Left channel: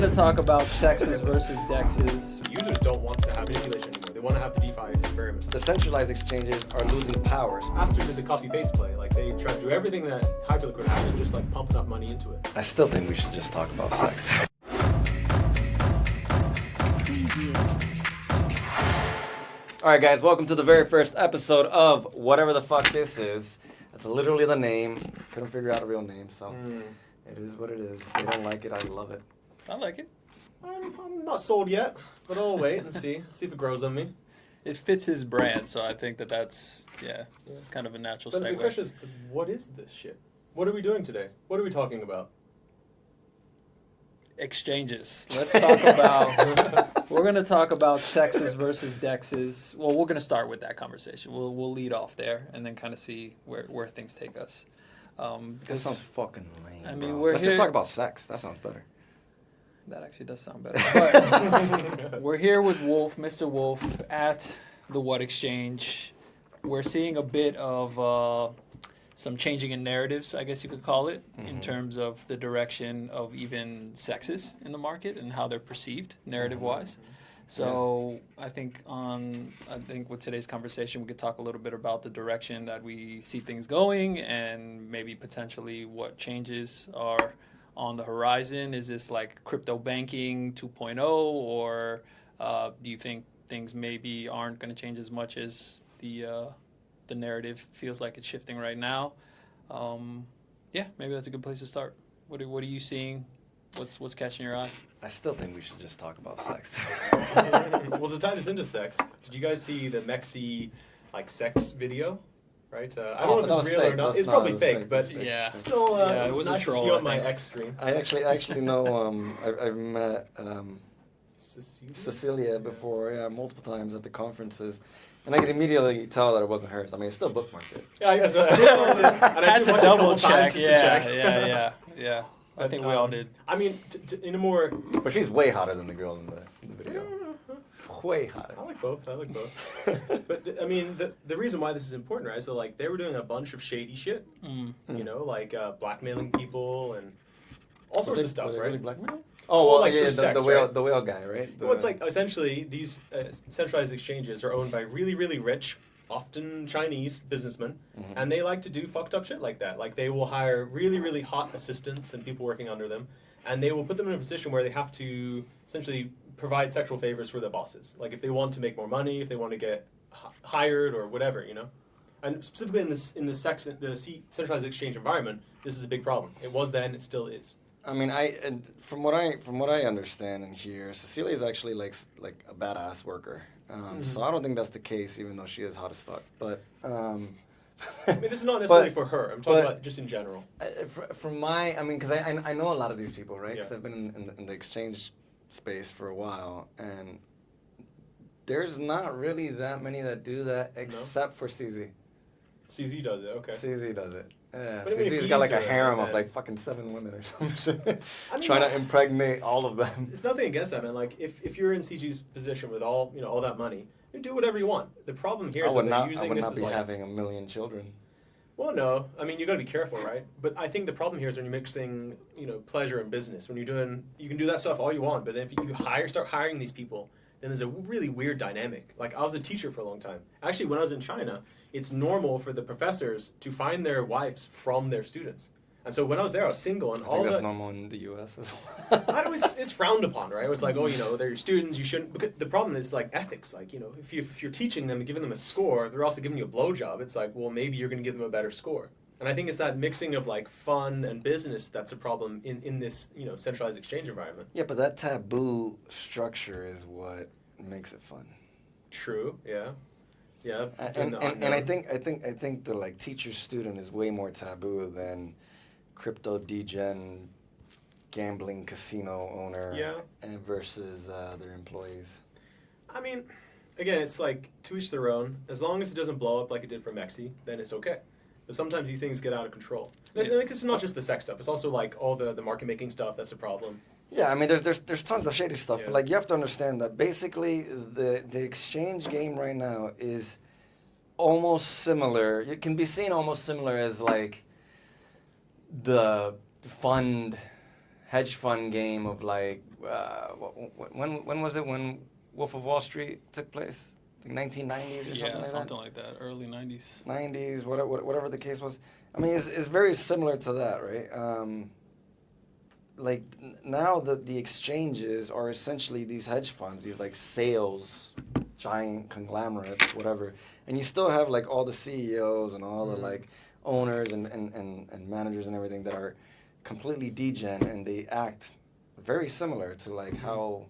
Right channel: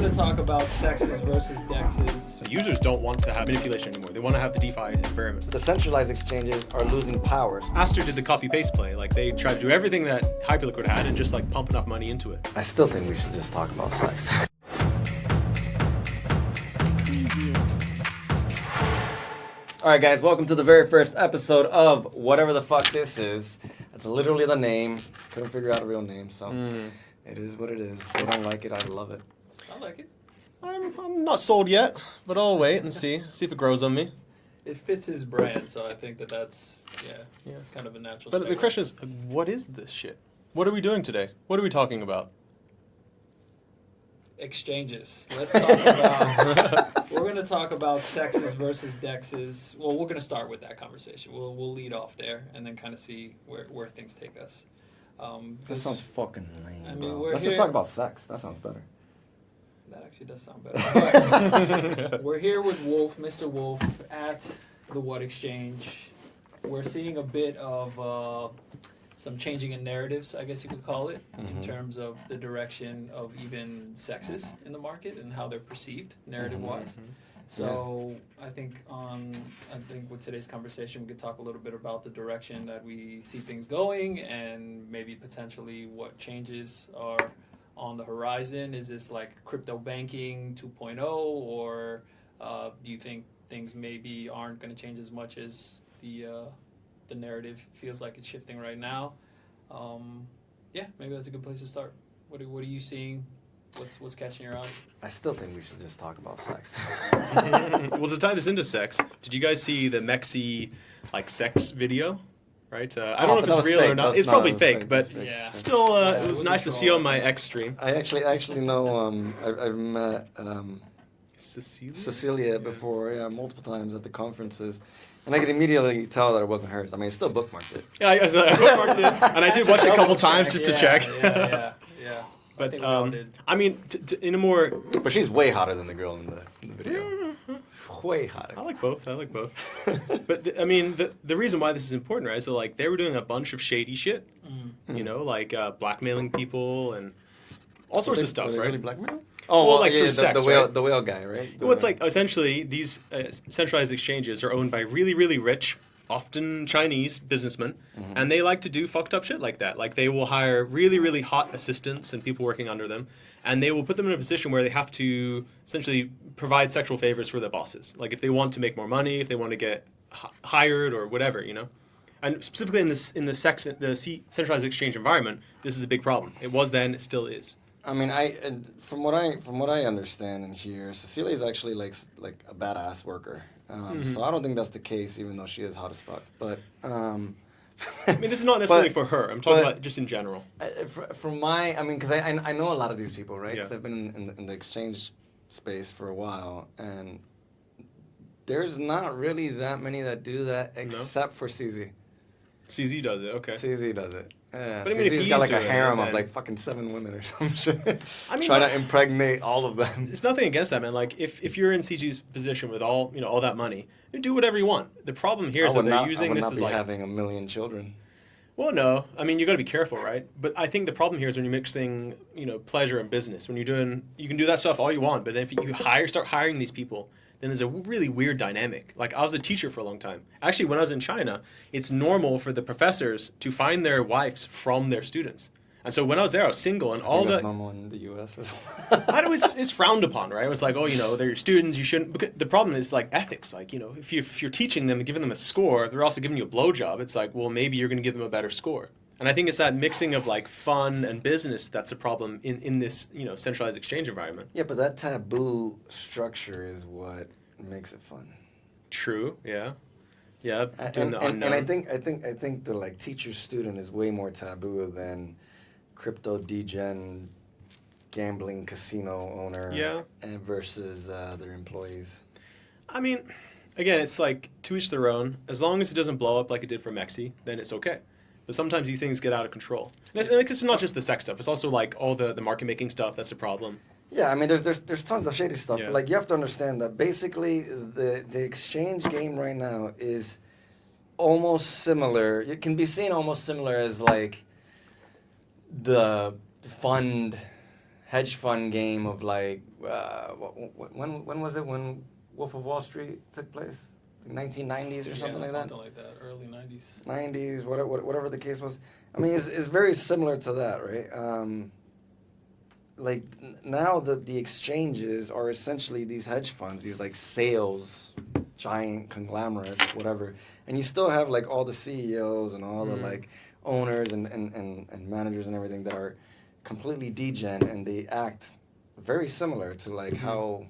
going to talk about CEXs versus DEXs. Users don't want to have manipulation anymore. They want to have the DeFi experiment. The centralized exchanges are losing powers. Aster did the copy-paste play. Like, they tried to do everything that Hyperliquid had and just, like, pump enough money into it. I still think we should just talk about CEX. Alright guys, welcome to the very first episode of whatever the fuck this is. That's literally the name. Couldn't figure out a real name, so it is what it is. They don't like it, I love it. I like it. I'm not sold yet, but I'll wait and see if it grows on me. It fits his brand, so I think that's it's kind of a natural But segue. the question is, what is this shit? What are we doing today? What are we talking about? Exchanges. Let's talk about. We're going to talk about CEXs versus DEXs. Well, we're going to start with that conversation. We'll lead off there and then kind of see where things take us. That sounds fucking lame. I mean, bro. we're Let's here- just talk about sex. That sounds better. That actually does sound better. But we're here with Wolf, Mr. Wolf, at the What Exchange. We're seeing a bit of some changing in narratives, I guess you could call it, in terms of the direction of even CEXs in the market and how they're perceived narrative-wise. So I think with today's conversation, we could talk a little bit about the direction that we see things going and maybe potentially what changes are on the horizon. Is this like crypto banking 2.0, or do you think things maybe aren't going to change as much as the narrative feels like it's shifting right now? Maybe that's a good place to start. What are you seeing? What's catching your eye? I still think we should just talk about sex. Well, to tie this into sex, did you guys see the Mexi sex video? Right? I don't know if it's real or not. It's probably fake, but still, it was nice to see on my X stream. I actually know. I've met Cecilia? before, multiple times at the conferences, and I could immediately tell that it wasn't hers. I mean, it's still bookmarked it. Yeah, I bookmarked it, and I did watch it a couple times just to check. Yeah. But I think we all did. I mean, in a more. But she's way hotter than the girl in the video. Way hotter. I like both. But the reason why this is important, right? So they were doing a bunch of shady shit, you know, blackmailing people and all sorts of stuff, right? Really blackmail? Oh, well, through sex, right? The whale guy, right? Well, it's essentially these centralized exchanges are owned by really, really rich, often Chinese businessmen, and they like to do fucked up shit like that. Like, they will hire really, really hot assistants and people working under them, and they will put them in a position where they have to essentially provide sexual favors for their bosses. Like, if they want to make more money, if they want to get hired or whatever, you know. And specifically in the centralized exchange environment, this is a big problem. It was then, it still is. I mean, from what I understand and hear, Cecilia is actually like a badass worker. So I don't think that's the case, even though she is hot as fuck. But I mean, this is not necessarily for her. I'm talking about just in general. Because I know a lot of these people, right? Because Yeah. I've been in the exchange space for a while, and there's not really that many that do that except for CZ. CZ does it, okay. CZ does it. Yeah, But I mean, if CZ's he's got like a doing it, harem of then- like fucking 7 women or some shit. I mean, trying to impregnate all of them. There's nothing against that, man. Like, if you're in CG's position with all that money, you do whatever you want. The problem here is that they're using this as be having 1 million children. Well, no. I mean, you got to be careful, right? But I think the problem here is when you're mixing, pleasure and business. When you're doing, you can do that stuff all you want, but if you start hiring these people, then there's a really weird dynamic. Like, I was a teacher for a long time. Actually, when I was in China, it's normal for the professors to find their wives from their students. And so when I was there, I was single, and all that's the normal in the U.S. as well. I know it's frowned upon, right? It was like, they're your students. You shouldn't. Because the problem is ethics. Like, if you're teaching them and giving them a score, they're also giving you a blowjob. It's like, well, maybe you're going to give them a better score. And I think it's that mixing of fun and business that's a problem in this centralized exchange environment. Yeah, but that taboo structure is what makes it fun. True. Yeah. Yeah. And I think the teacher student is way more taboo than crypto degen gambling casino owner and versus their employees. I mean, again, it's to each their own. As long as it doesn't blow up like it did for Mexi, then it's okay. But sometimes these things get out of control. And it's not just the sex stuff. It's also all the market making stuff that's a problem. Yeah, I mean, there's tons of shady stuff. Yeah. But you have to understand that basically the exchange game right now is almost similar. It can be seen almost similar as the fund hedge fund game of like when was it when Wolf of Wall Street took place? Like 1990s or something like that. Something like that. Early 90s. 90s, whatever the case was. I mean, it's very similar to that, right? Like now the exchanges are essentially these hedge funds, these like sales, giant conglomerates, whatever. And you still have like all the CEOs and all the like owners and managers and everything that are completely degen, and they act very similar to like how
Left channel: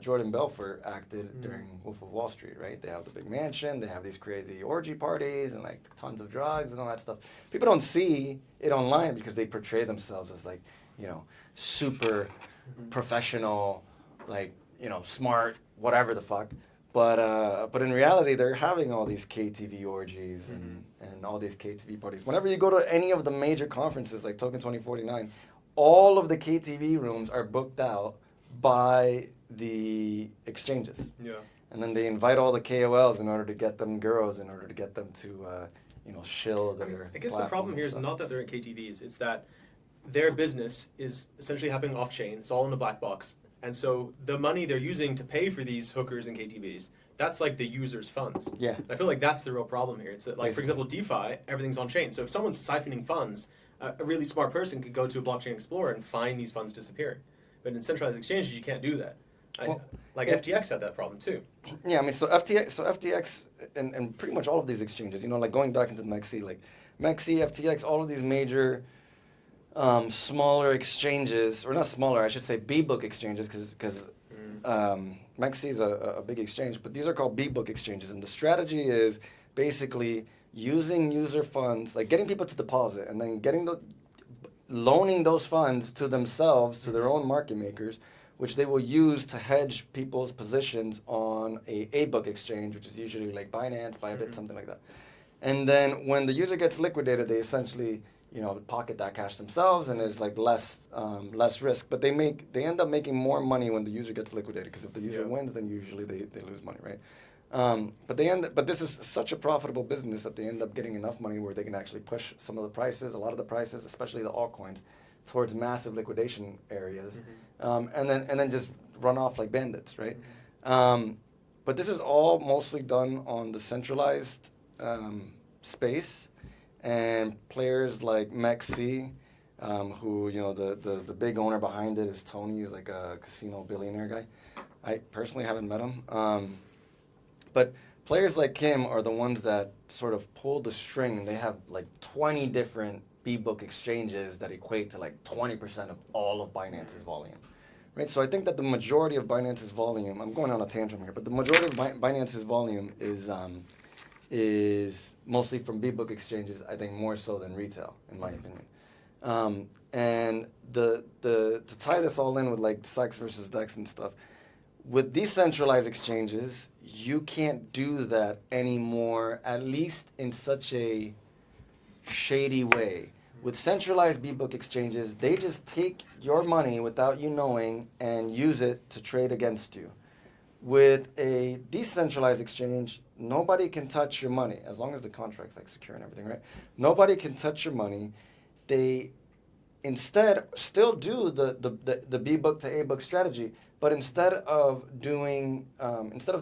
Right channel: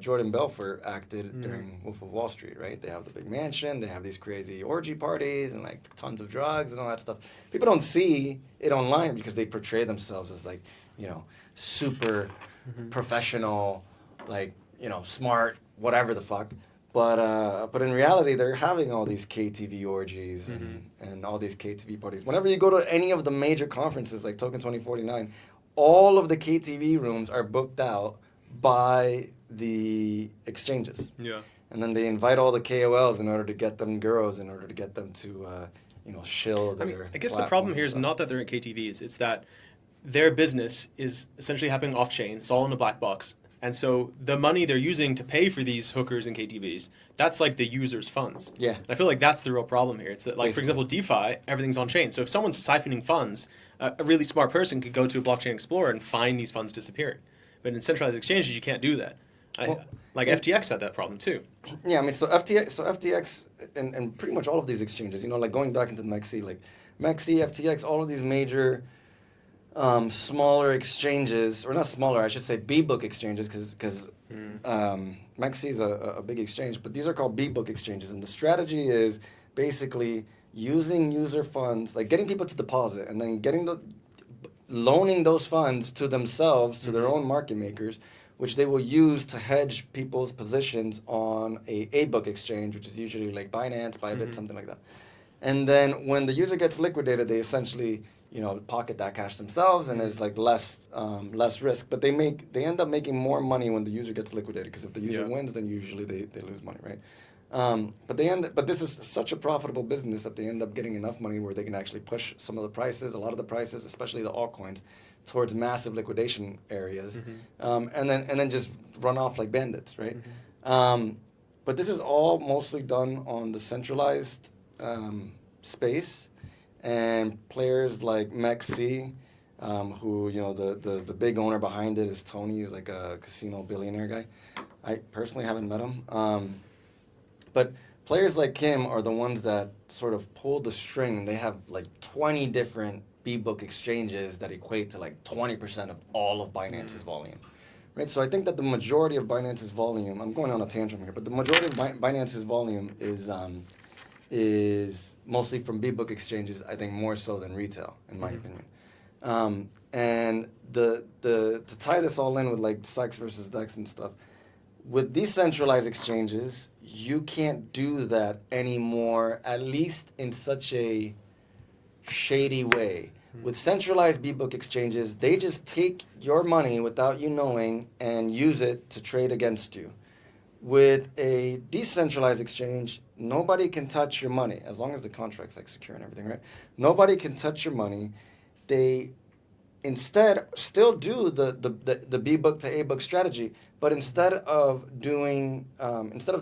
Jordan Belfort acted during Wolf of Wall Street, right? They have the big mansion, they have these crazy orgy parties and like tons of drugs and all that stuff. People don't see it online because they portray themselves as like, you know, super professional, like, you know, smart, whatever the fuck. But in reality, they're having all these KTV orgies and all these KTV parties. Whenever you go to any of the major conferences like Token 2049, all of the KTV rooms are booked out by the exchanges. Yeah. And then they invite all the KOLs in order to get them girls, in order to get them to, you know, shill their I guess the problem here is not that they're in KTVs. It's that their business is essentially happening off-chain. It's all in a black box. And so the money they're using to pay for these hookers and KTVs, that's like the user's funds. Yeah. I feel like that's the real problem here. It's that, like, basically, for example, DeFi, everything's on chain. So if someone's siphoning funds, a really smart person could go to a blockchain explorer and find these funds disappearing. But in centralized exchanges, you can't do that. FTX had that problem too. Yeah, I mean, so FTX and pretty much all of these exchanges, you know, like going back into MEXC, like MEXC, FTX, all of these major smaller exchanges, or not smaller, I should say B-book exchanges, because MEXC is a big exchange, but these are called B-book exchanges, and the strategy is basically using user funds, like getting people to deposit, and then loaning those funds to themselves, to their own market makers, which they will use to hedge people's positions on a book exchange, which is usually like Binance, Bybit, something like that. And then when the user gets liquidated, they essentially, you know, pocket that cash themselves, and it's like less risk. But they end up making more money when the user gets liquidated, because if the user wins, then usually they lose money, right? But this is such a profitable business that they end up getting enough money where they can actually push some of the prices, a lot of the prices, especially the altcoins, towards massive liquidation areas, and then just run off like bandits, right? But this is all mostly done on the centralized space, and players like MEXC, who, you know, the big owner behind it is Tony. He's like a casino billionaire guy. I personally haven't met him. But players like him are the ones that sort of pull the string. They have like 20 different B-book exchanges that equate to like 20% of all of Binance's volume. Right? So I think that the majority of Binance's volume, I'm going on a tantrum here, but the majority of Binance's volume is mostly from B-book exchanges, I think more so than retail, in my opinion. And to tie this all in with like CEX versus DEX and stuff, with decentralized exchanges, you can't do that anymore, at least in such a shady way. With centralized B-book exchanges, they just take your money without you knowing and use it to trade against you. With a decentralized exchange, nobody can touch your money, as long as the contract's like secure and everything, right? Nobody can touch your money. They instead still do the B-book to A-book strategy, but instead of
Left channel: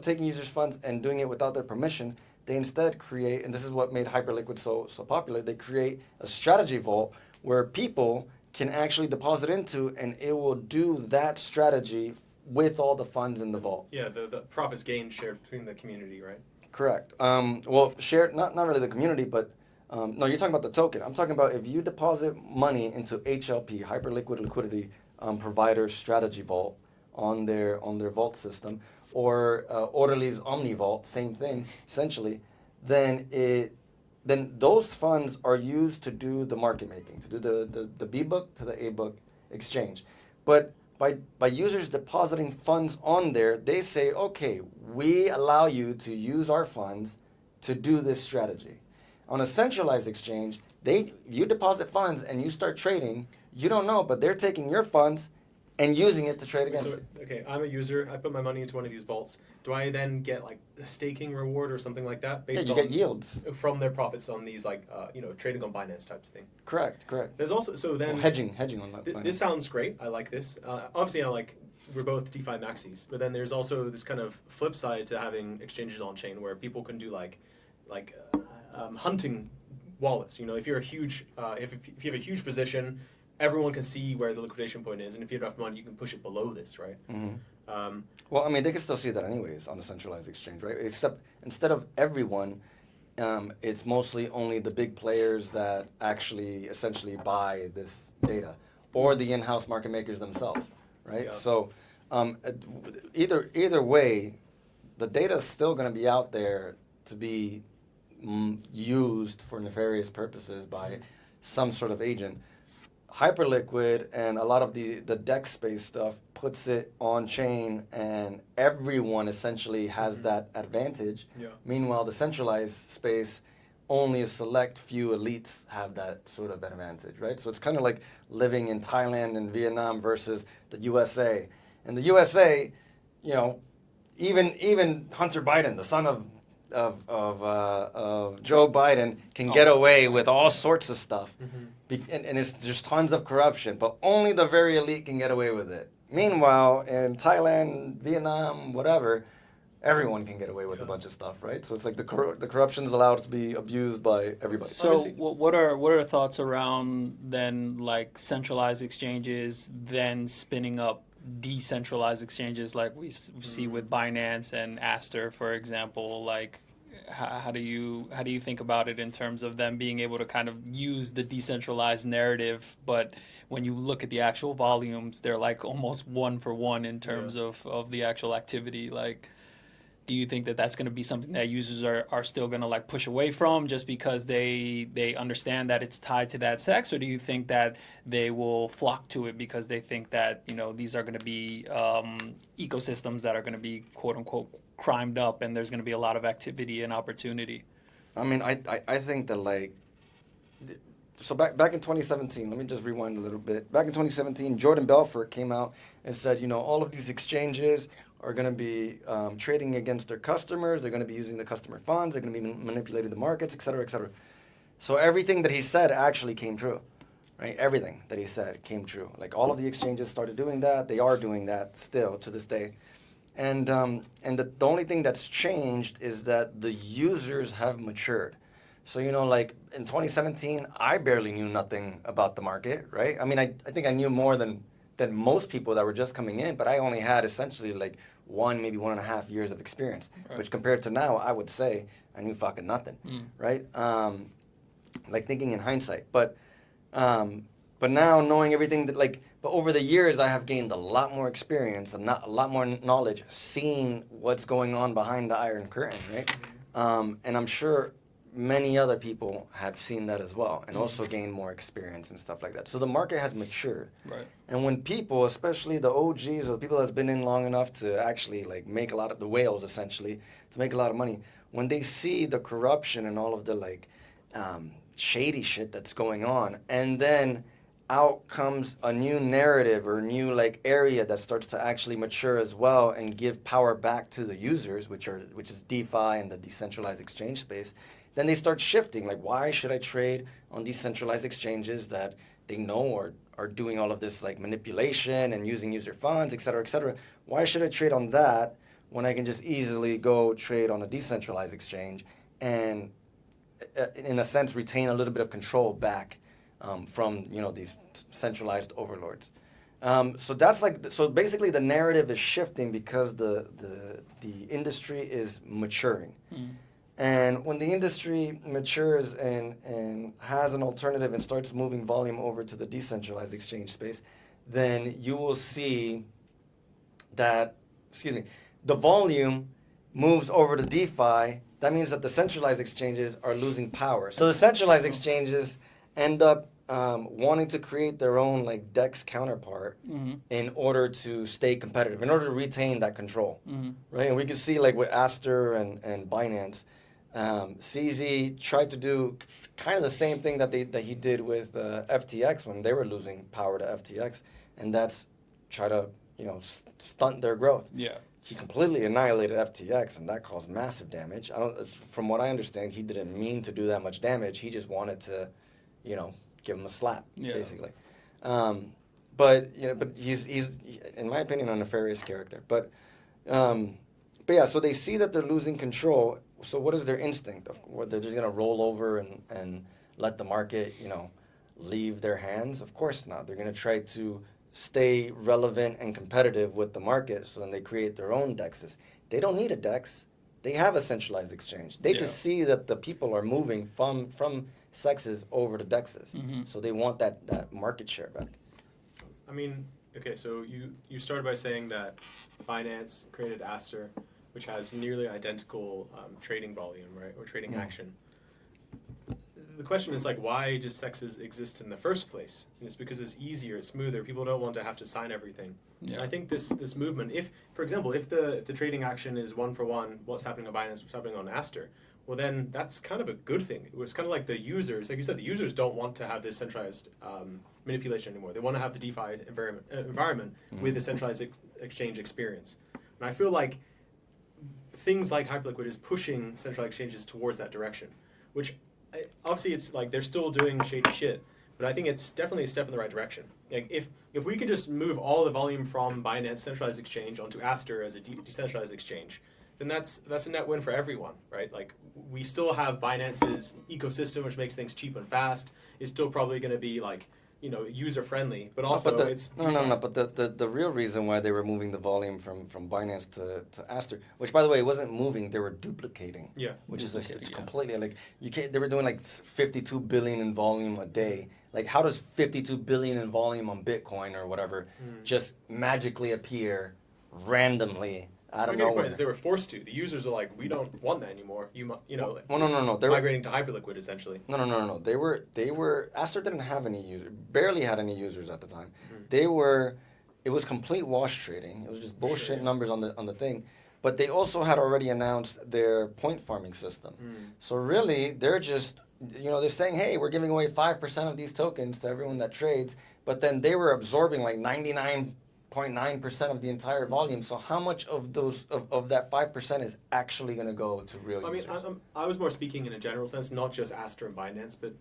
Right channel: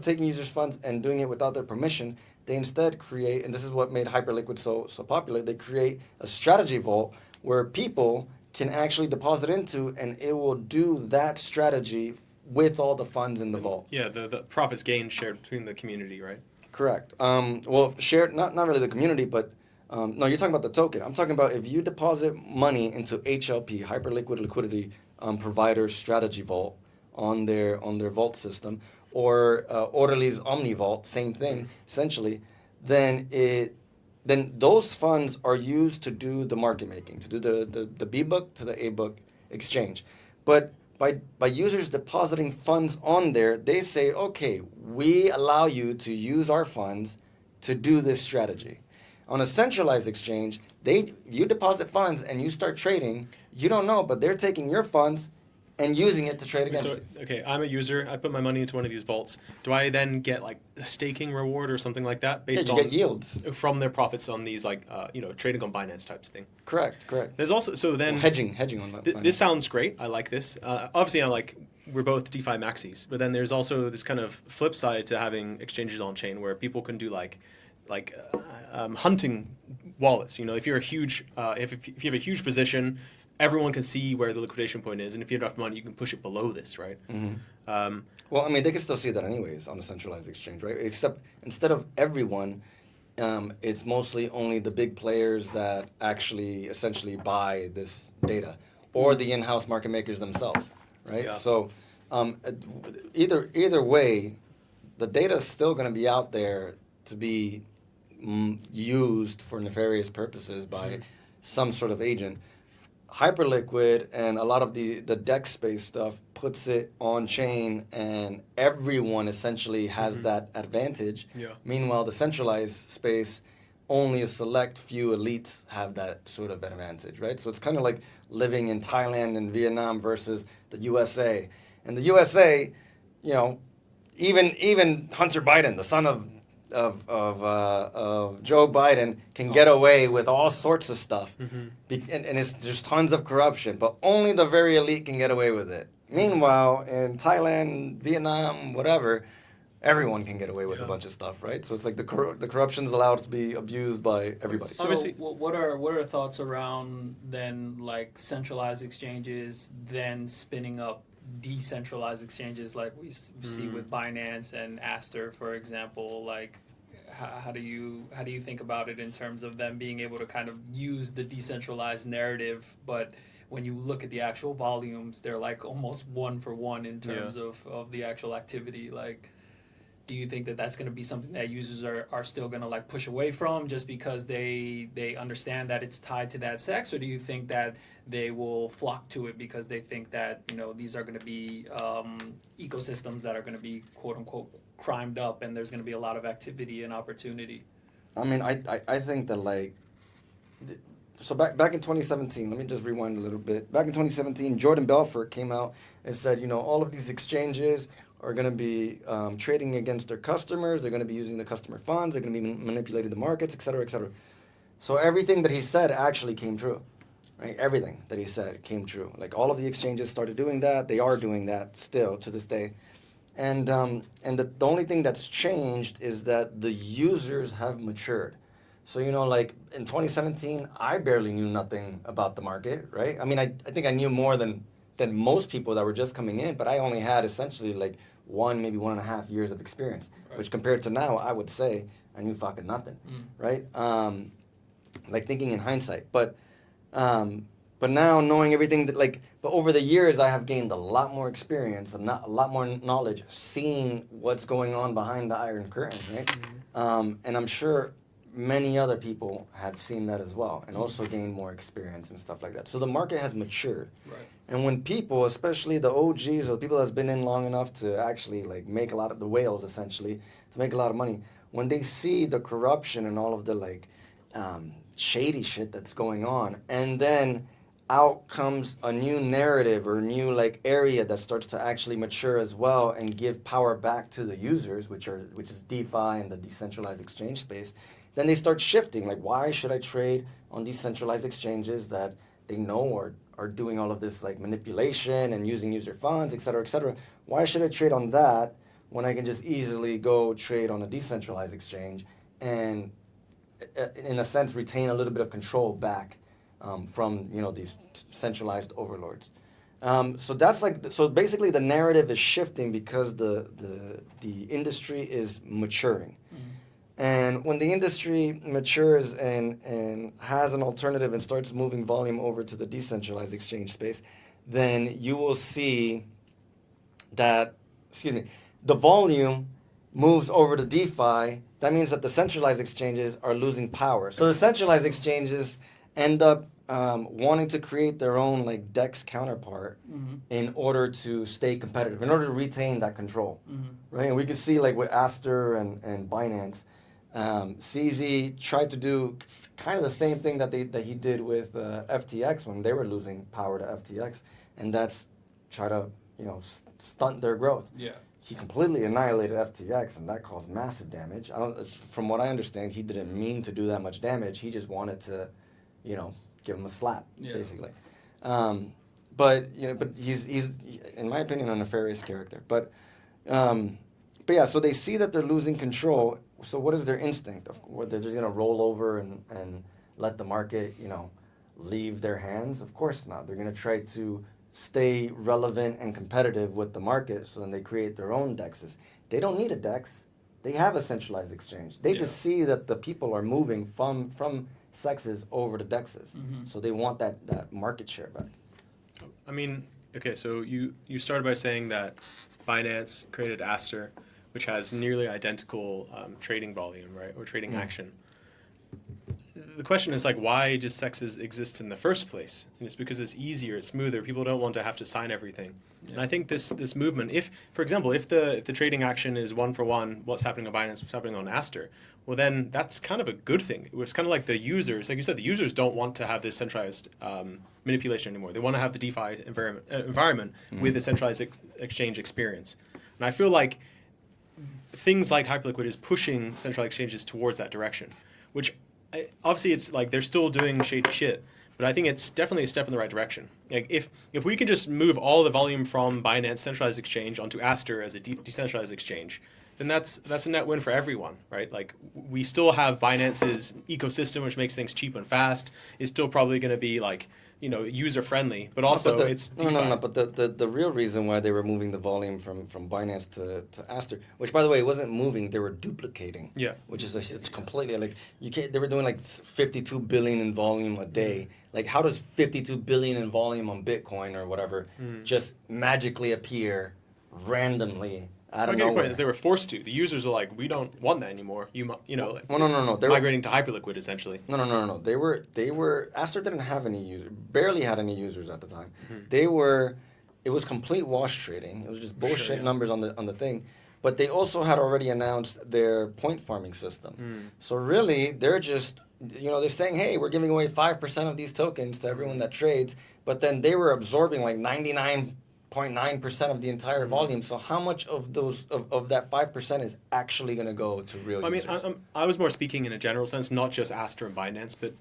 taking users' funds and doing it without their permission, they instead create, and this is what made Hyperliquid so popular, they create a strategy vault where people can actually deposit into, and it will do that strategy with all the funds in the vault. Yeah, the profits gained shared between the community, right? Correct. Well, shared, not really the community, but no, you're talking about the token. I'm talking about if you deposit money into HLP, Hyperliquid Liquidity Provider Strategy Vault, on their vault system, or Orderly's Omni Vault, same thing, essentially, then those funds are used to do the market making, to do the B-book to the A-book exchange. But by users depositing funds on there, they say, okay, we allow you to use our funds to do this strategy. On a centralized exchange, you deposit funds and you start trading, you don't know, but they're taking your funds and using it to trade against So, you. okay, I'm a user. I put my money into one of these vaults. Do I then get like a staking reward or something like that Yeah, based you on get yields. from their profits on these like trading on Binance types of thing? Correct. There's also so then Well, hedging on my this sounds great. I like this. Obviously, we're both DeFi maxis, but then there's also this kind of flip side to having exchanges on chain where people can do like hunting wallets. You know, if you're a huge if you have a huge position, everyone can see where the liquidation point is, and if you have enough money, you can push it below this, right? Well, I mean, they can still see that anyways on a centralized exchange, right? Except instead of everyone, it's mostly only the big players that actually essentially buy this data, or the in-house market makers themselves, right? Yeah. So either way, the data is still going to be out there to be used for nefarious purposes by some sort of agent. Hyperliquid and a lot of the DEX space stuff puts it on chain, and everyone essentially has that advantage. Yeah. Meanwhile, the centralized space, only a select few elites have that sort of advantage, right? So it's kind of like living in Thailand and Vietnam versus the USA. And the USA, you know, even Hunter Biden, the son of Joe Biden, can get away with all sorts of stuff, and it's just tons of corruption. But only the very elite can get away with it. Meanwhile, in Thailand, Vietnam, whatever, everyone can get away with a bunch of stuff, right? So it's like the corruption's allowed to be abused by everybody. So what are thoughts around then like centralized exchanges then spinning up decentralized exchanges like we see with Binance and Aster, for example? Like how do you think about it in terms of them being able to kind of use the decentralized narrative, but when you look at the actual volumes, they're like almost one for one in terms of the actual activity? Like, do you think that that's going to be something that users are still going to like push away from just because they understand that it's tied to that CEX, or do you think that they will flock to it because they think that, you know, these are going to be ecosystems that are going to be quote unquote crimed up and there's going to be a lot of activity and opportunity? I mean, I think that like, so back in 2017, let me just rewind a little bit. Back in 2017, Jordan Belfort came out and said, you know, all of these exchanges are going to be trading against their customers. They're going to be using the customer funds. They're going to be manipulating the markets, et cetera, et cetera. So everything that he said actually came true, right? Everything that he said came true. Like all of the exchanges started doing that. They are doing that still to this day. And the only thing that's changed is that the users have matured. So, you know, like in 2017, I barely knew nothing about the market, right? I mean, I think I knew more than most people that were just coming in, but I only had essentially like maybe 1.5 years of experience, which compared to now, I would say I knew fucking nothing, right? Like thinking in hindsight, but now knowing everything but over the years, I have gained a lot more experience and a lot more knowledge, seeing what's going on behind the Iron Curtain, right? And I'm sure many other people have seen that as well and also gained more experience and stuff like that. So the market has matured. Right. And when people, especially the OGs or the people that's been in long enough to actually like make a lot of the whales essentially, to make a lot of money, when they see the corruption and all of the like shady shit that's going on, and then out comes a new narrative or new like area that starts to actually mature as well and give power back to the users, which is DeFi and the decentralized exchange space, then they start shifting. Like, why should I trade on decentralized exchanges that they know are doing all of this like manipulation and using user funds, et cetera, et cetera? Why should I trade on that when I can just easily go trade on a decentralized exchange and, in a sense, retain a little bit of control back from, you know, these centralized overlords? So basically the narrative is shifting because the industry is maturing. And when the industry matures and has an alternative and starts moving volume over to the decentralized exchange space, then you will see that, the volume moves over to DeFi. That means that the centralized exchanges are losing power. So the centralized exchanges end up wanting to create their own like DEX counterpart in order to stay competitive, in order to retain that control, right? And we could see like with Aster and Binance, CZ tried to do kind of the same thing that he did with FTX when they were losing power to FTX, and that's try to, stunt their growth. Yeah. He completely annihilated FTX, and that caused massive damage. From what I understand, he didn't mean to do that much damage. He just wanted to, give him a slap, basically. But he's in my opinion a nefarious character. But yeah, so they see that they're losing control. So what is their instinct? They're just gonna roll over and let the market, leave their hands? Of course not. They're gonna try to stay relevant and competitive with the market, so then they create their own DEXs. They don't need a DEX. They have a centralized exchange. They just see that the people are moving from CEXs over to DEXs. So they want that market share back. I mean, okay, so you started by saying that Binance created Aster, which has nearly identical trading volume, right, or trading action. The question is, like, why does CEXs exist in the first place? And it's because it's easier, it's smoother. People don't want to have to sign everything. Yeah. And I think this movement, for example, if the trading action is one for one, what's happening on Binance, what's happening on Aster, well, then that's kind of a good thing. It's kind of like the users, like you said, the users don't want to have this centralized manipulation anymore. They want to have the DeFi environment with the centralized exchange experience. And I feel like things like Hyperliquid is pushing centralized exchanges towards that direction, which obviously it's like they're still doing shady shit, but I think it's definitely a step in the right direction. Like if we can just move all the volume from Binance centralized exchange onto Aster as a decentralized exchange, then that's a net win for everyone, right? Like we still have Binance's ecosystem, which makes things cheap and fast. It's still probably going to be like, user friendly, but also it's no. But the real reason why they were moving the volume from Binance to Aster, which by the way it wasn't moving, they were duplicating. Yeah. Which is it's completely like you can't. They were doing like 52 billion in volume a day. Like how does 52 billion in volume on Bitcoin or whatever just magically appear randomly out of nowhere? They were forced to. The users are like, we don't want that anymore. Well, no. They migrating to Hyperliquid essentially. No. They were Aster didn't have any users, barely had any users at the time. It was complete wash trading. It was just bullshit numbers on the thing. But they also had already announced their point farming system. So really, they're just, they're saying, hey, we're giving away 5% of these tokens to everyone that trades. But then they were absorbing like 99.9% of the entire volume. So how much of that 5% is actually going to go to real users? I mean, I was more speaking in a general sense, not just Aster and Binance, but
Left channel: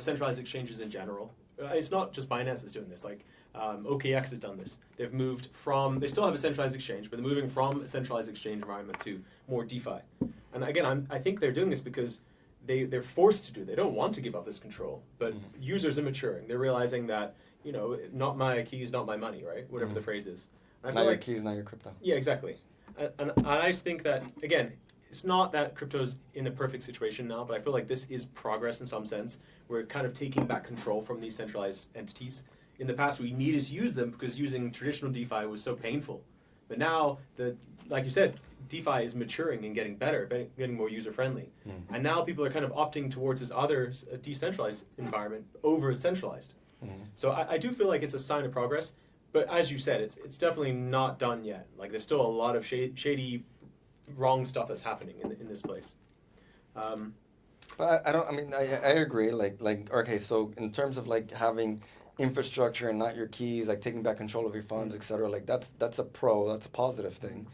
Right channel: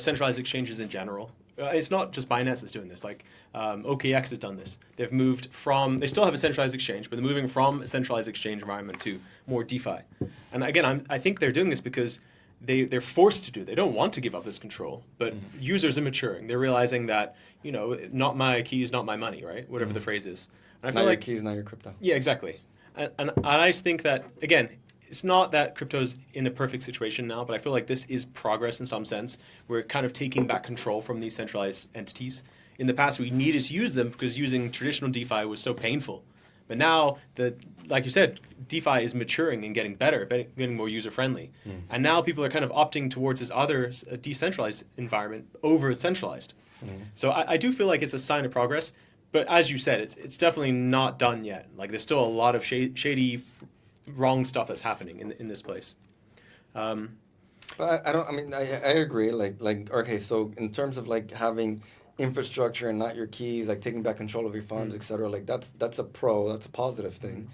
centralized exchanges in general. It's not just Binance that's doing this. Like OKX has done this. They've moved they still have a centralized exchange, but they're moving from a centralized exchange environment to more DeFi. And again, I think they're doing this because they're forced to do. They don't want to give up this control, but users are maturing. They're realizing that, not my keys, not my money, right? Whatever the phrase is. And I feel not like your keys, not your crypto. Yeah, exactly. And I just think that, again, it's not that crypto's in a perfect situation now, but I feel like this is progress in some sense. We're kind of taking back control from these centralized entities. In the past, we needed to use them because using traditional DeFi was so painful. But now, like you said, DeFi is maturing and getting better, getting more user-friendly. And now people are kind of opting towards this other decentralized environment over centralized. So I do feel like it's a sign of progress. But as you said, it's definitely not done yet. Like there's still a lot of shady, wrong stuff that's happening in this place. But I agree. Like okay, so in terms of like having infrastructure and not your keys, like taking back control of your funds, etc. Like that's a positive thing.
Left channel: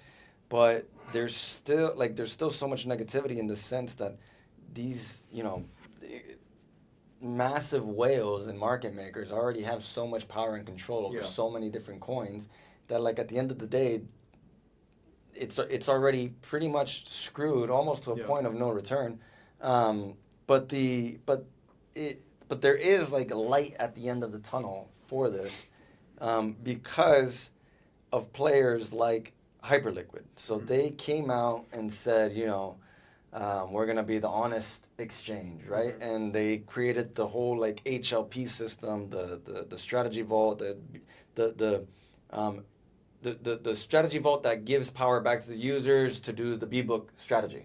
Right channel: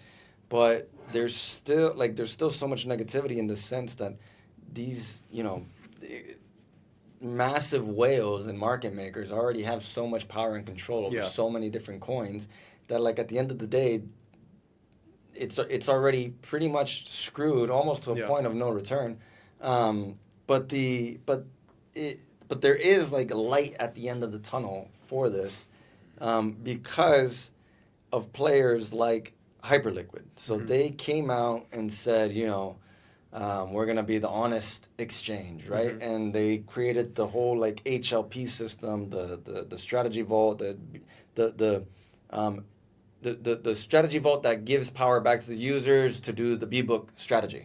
But there's still so much negativity in the sense that these massive whales and market makers already have so much power and control over so many different coins that like at the end of the day it's already pretty much screwed almost to a point of no return. But there is like a light at the end of the tunnel for this because of players like Hyperliquid. So they came out and said, we're going to be the honest exchange, right? And they created the whole like HLP system, the strategy vault, the strategy vault that gives power back to the users to do the B-book strategy,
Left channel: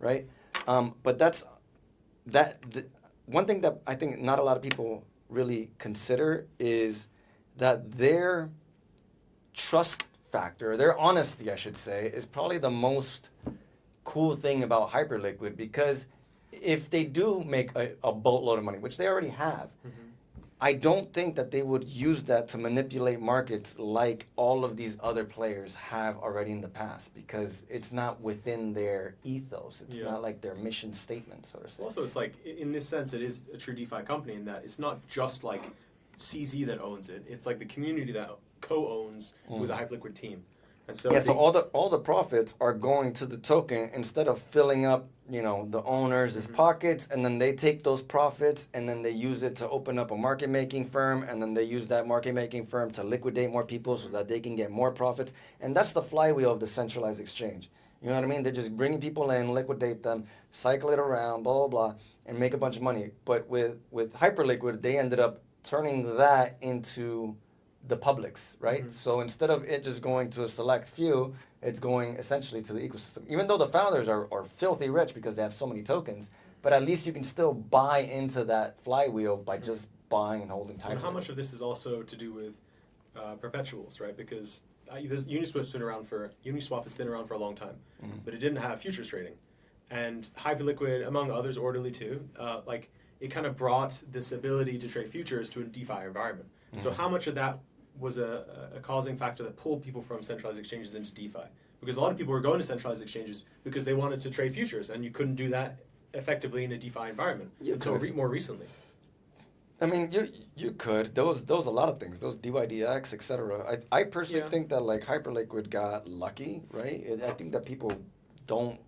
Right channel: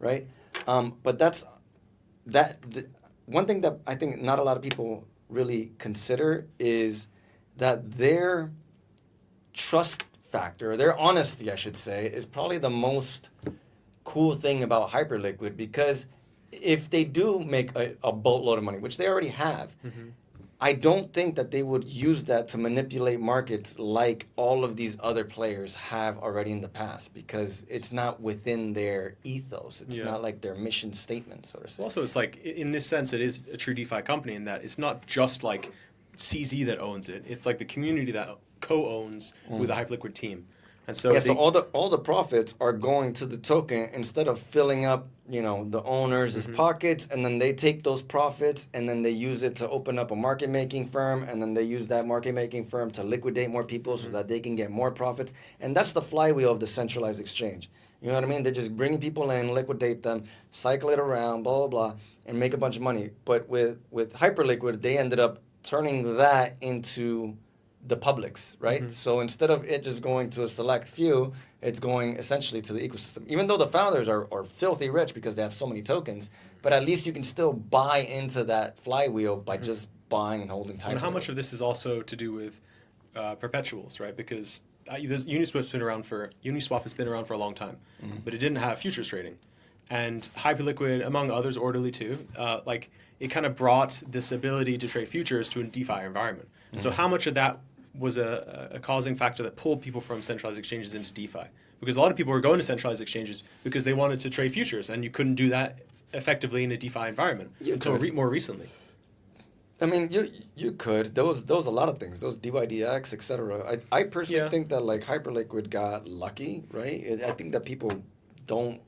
right? But one thing that I think not a lot of people really consider is that their trust factor, their honesty, I should say, is probably the most cool thing about Hyperliquid, because if they do make a boatload of money, which they already have, I don't think that they would use that to manipulate markets like all of these other players have already in the past, because it's not within their ethos. It's not like their mission statement, so to say. Also, it's like, in this sense, it is a true DeFi company in that it's not just like CZ that owns it. It's like the community that co-owns with a Hyperliquid team. And so so all the profits are going to the token instead of filling up, the owners' pockets, and then they take those profits and then they use it to open up a market making firm, and then they use that market making firm to liquidate more people so that they can get more profits. And that's the flywheel of the centralized exchange. You know what I mean? They're just bringing people in, liquidate them, cycle it around, blah, blah, blah, and make a bunch of money. But with Hyperliquid, they ended up turning that into the publics, right? So instead of it just going to a select few, it's going essentially to the ecosystem. Even though the founders are filthy rich because they have so many tokens, but at least you can still buy into that flywheel by just buying and holding time. And how much of this is also to do with perpetuals, right? Because Uniswap has been around for a long time, but it didn't have futures trading. And Hyperliquid, among others, Orderly too, it kind of brought this ability to trade futures to a DeFi environment. And so how much of that was a causing factor that pulled people from centralized exchanges into DeFi? Because a lot of people were going to centralized exchanges because they wanted to trade futures, and you couldn't do that effectively in a DeFi environment until more recently. I mean, you could. There was a lot of things. Those DYDX, etc. I personally think that Hyperliquid got lucky, right? I think that people don't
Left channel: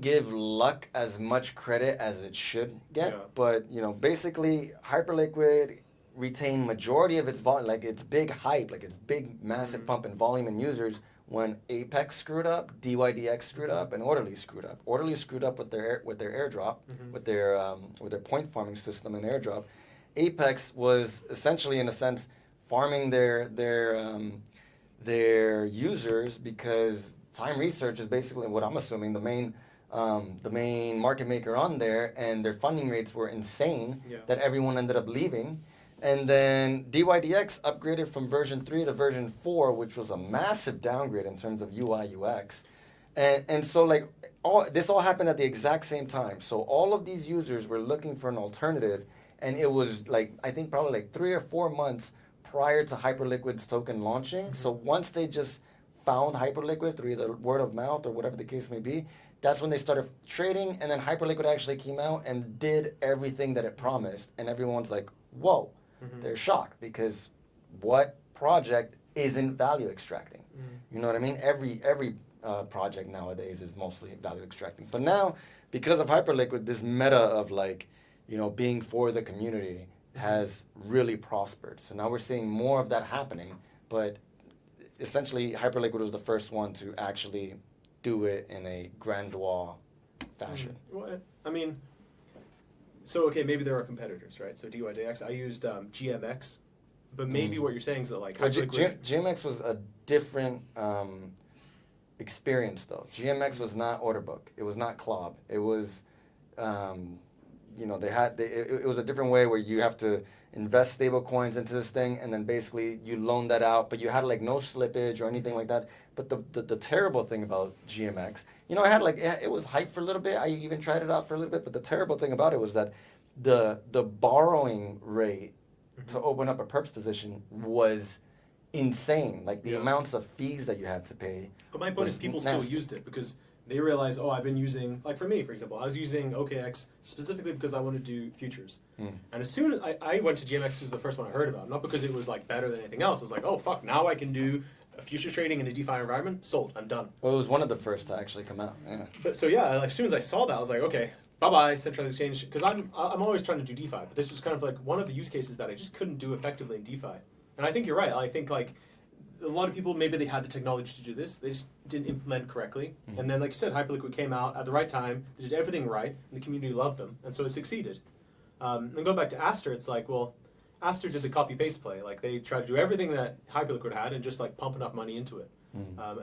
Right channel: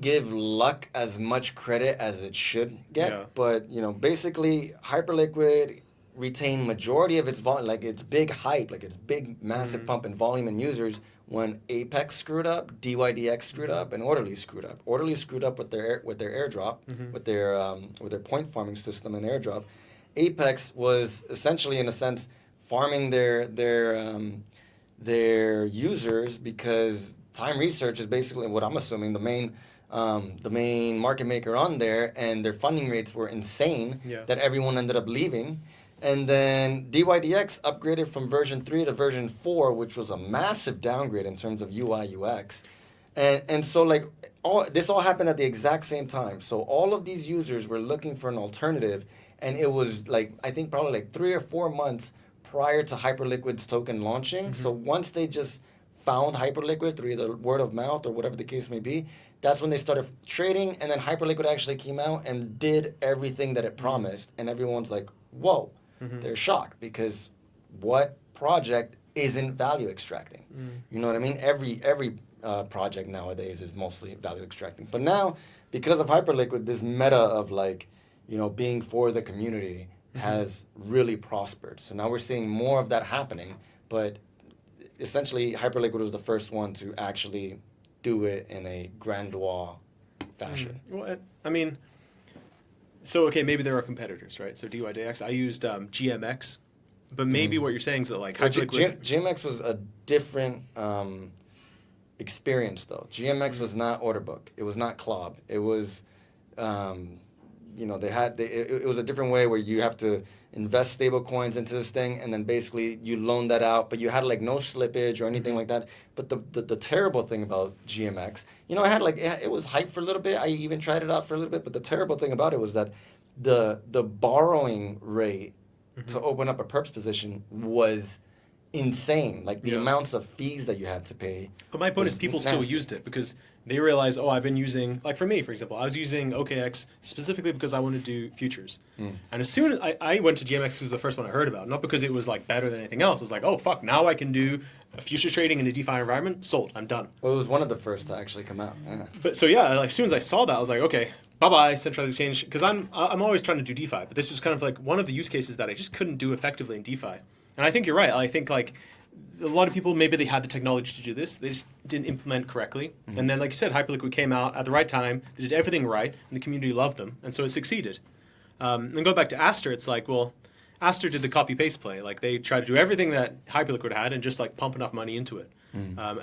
give luck as much credit as it should get. But basically, Hyperliquid retained majority of its volume, like its big hype, like its big massive pump in volume and users, when Apex screwed up, DYDX screwed up, and Orderly screwed up. Orderly screwed up with their airdrop, with their point farming system and airdrop. Apex was essentially, in a sense, farming their users, because Time Research is basically what I'm assuming the main market maker on there, and their funding rates were insane that everyone ended up leaving. And then DYDX upgraded from version 3 to version 4, which was a massive downgrade in terms of UI UX. And so this all happened at the exact same time. So all of these users were looking for an alternative, and it was I think probably 3 or 4 months prior to Hyperliquid's token launching. So once they just found Hyperliquid through either word of mouth or whatever the case may be, that's when they started trading, and then Hyperliquid actually came out and did everything that it promised, and everyone's like, whoa. They're shocked, because what project isn't value extracting? You know what I mean? Every project nowadays is mostly value extracting. But now, because of Hyperliquid, this meta of being for the community has really prospered. So now we're seeing more of that happening, but essentially Hyperliquid was the first one to actually do it in a grandeur fashion. Well, I mean, so okay, maybe there are competitors, right? So DYDX, I used GMX, but maybe what you're saying is that GMX was a different experience, though. GMX was not order book. It was not CLOB. It was, it was a different way where you have to invest stable coins into this thing, and then basically you loan that out, but you had no slippage or anything like that. But the terrible thing about GMX, I had it was hyped for a little bit. I even tried it out for a little bit, but the terrible thing about it was that the borrowing rate to open up a perps position was insane. The amounts of fees that you had to pay. But my point is, people still used it because they realized, I've been using, for me, for example, I was using OKX specifically because I wanted to do futures. And as soon as I went to GMX, it was the first one I heard about, not because it was better than anything else. It was oh fuck, now I can do futures trading in a DeFi environment. Sold, I'm done. Well, it was one of the first to actually come out. Yeah. But so as soon as I saw that, I was like, okay, bye-bye, Centralized Exchange, because I'm always trying to do DeFi, but this was kind of one of the use cases that I just couldn't do effectively in DeFi. And I think you're right. I think a lot of people, maybe they had the technology to do this, they just didn't implement correctly. And then, like you said, Hyperliquid came out at the right time, they did everything right, and the community loved them, and so it succeeded. And going back to Aster, it's Aster did the copy-paste play. They tried to do everything that Hyperliquid had and just pump enough money into it.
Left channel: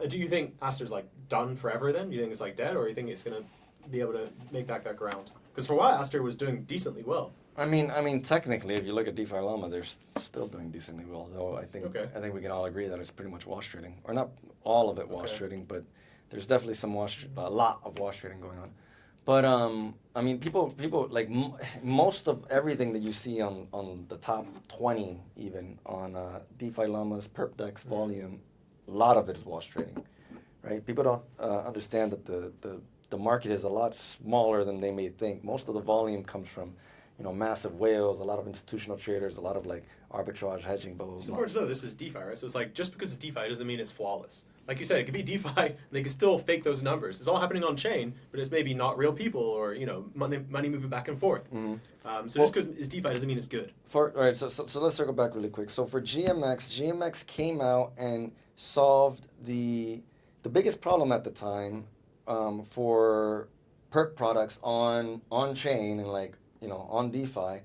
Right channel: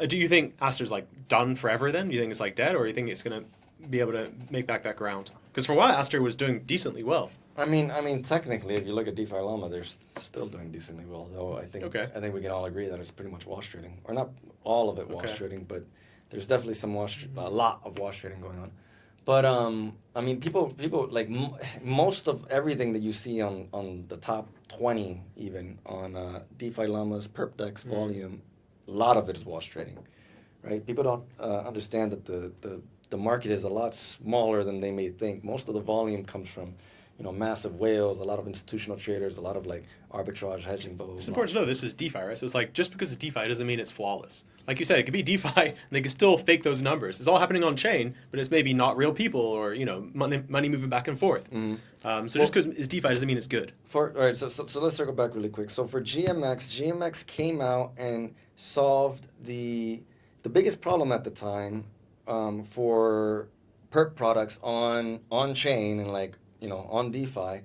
Do you think Aster's done forever then? Do you think it's dead, or do you think it's going to be able to make back that ground? Because for a while, Aster was doing decently well. I mean, technically, if you look at DeFi Llama, they're still doing decently well. Though I think we can all agree that it's pretty much wash trading, or not all of it wash trading, but there's definitely a lot of wash trading going on. But I mean, people like most of everything that you see on the top 20, even on DeFi Llamas, Perp DEX, Volume, a lot of it is wash trading, right? People don't understand that the market is a lot smaller than they may think. Most of the volume comes from, massive whales, a lot of institutional traders, a lot of like arbitrage hedging. Blah, blah, It's blah. important to know this is DeFi, right? So it's like just because it's DeFi doesn't mean it's flawless. Like you said, it could be DeFi and they can still fake those numbers. It's all happening on chain, but it's maybe not real people or money moving back and forth. So just because it's DeFi doesn't mean it's good. All right, so let's circle back really quick. So for GMX came out and solved the biggest problem at the time for perp products on chain and on DeFi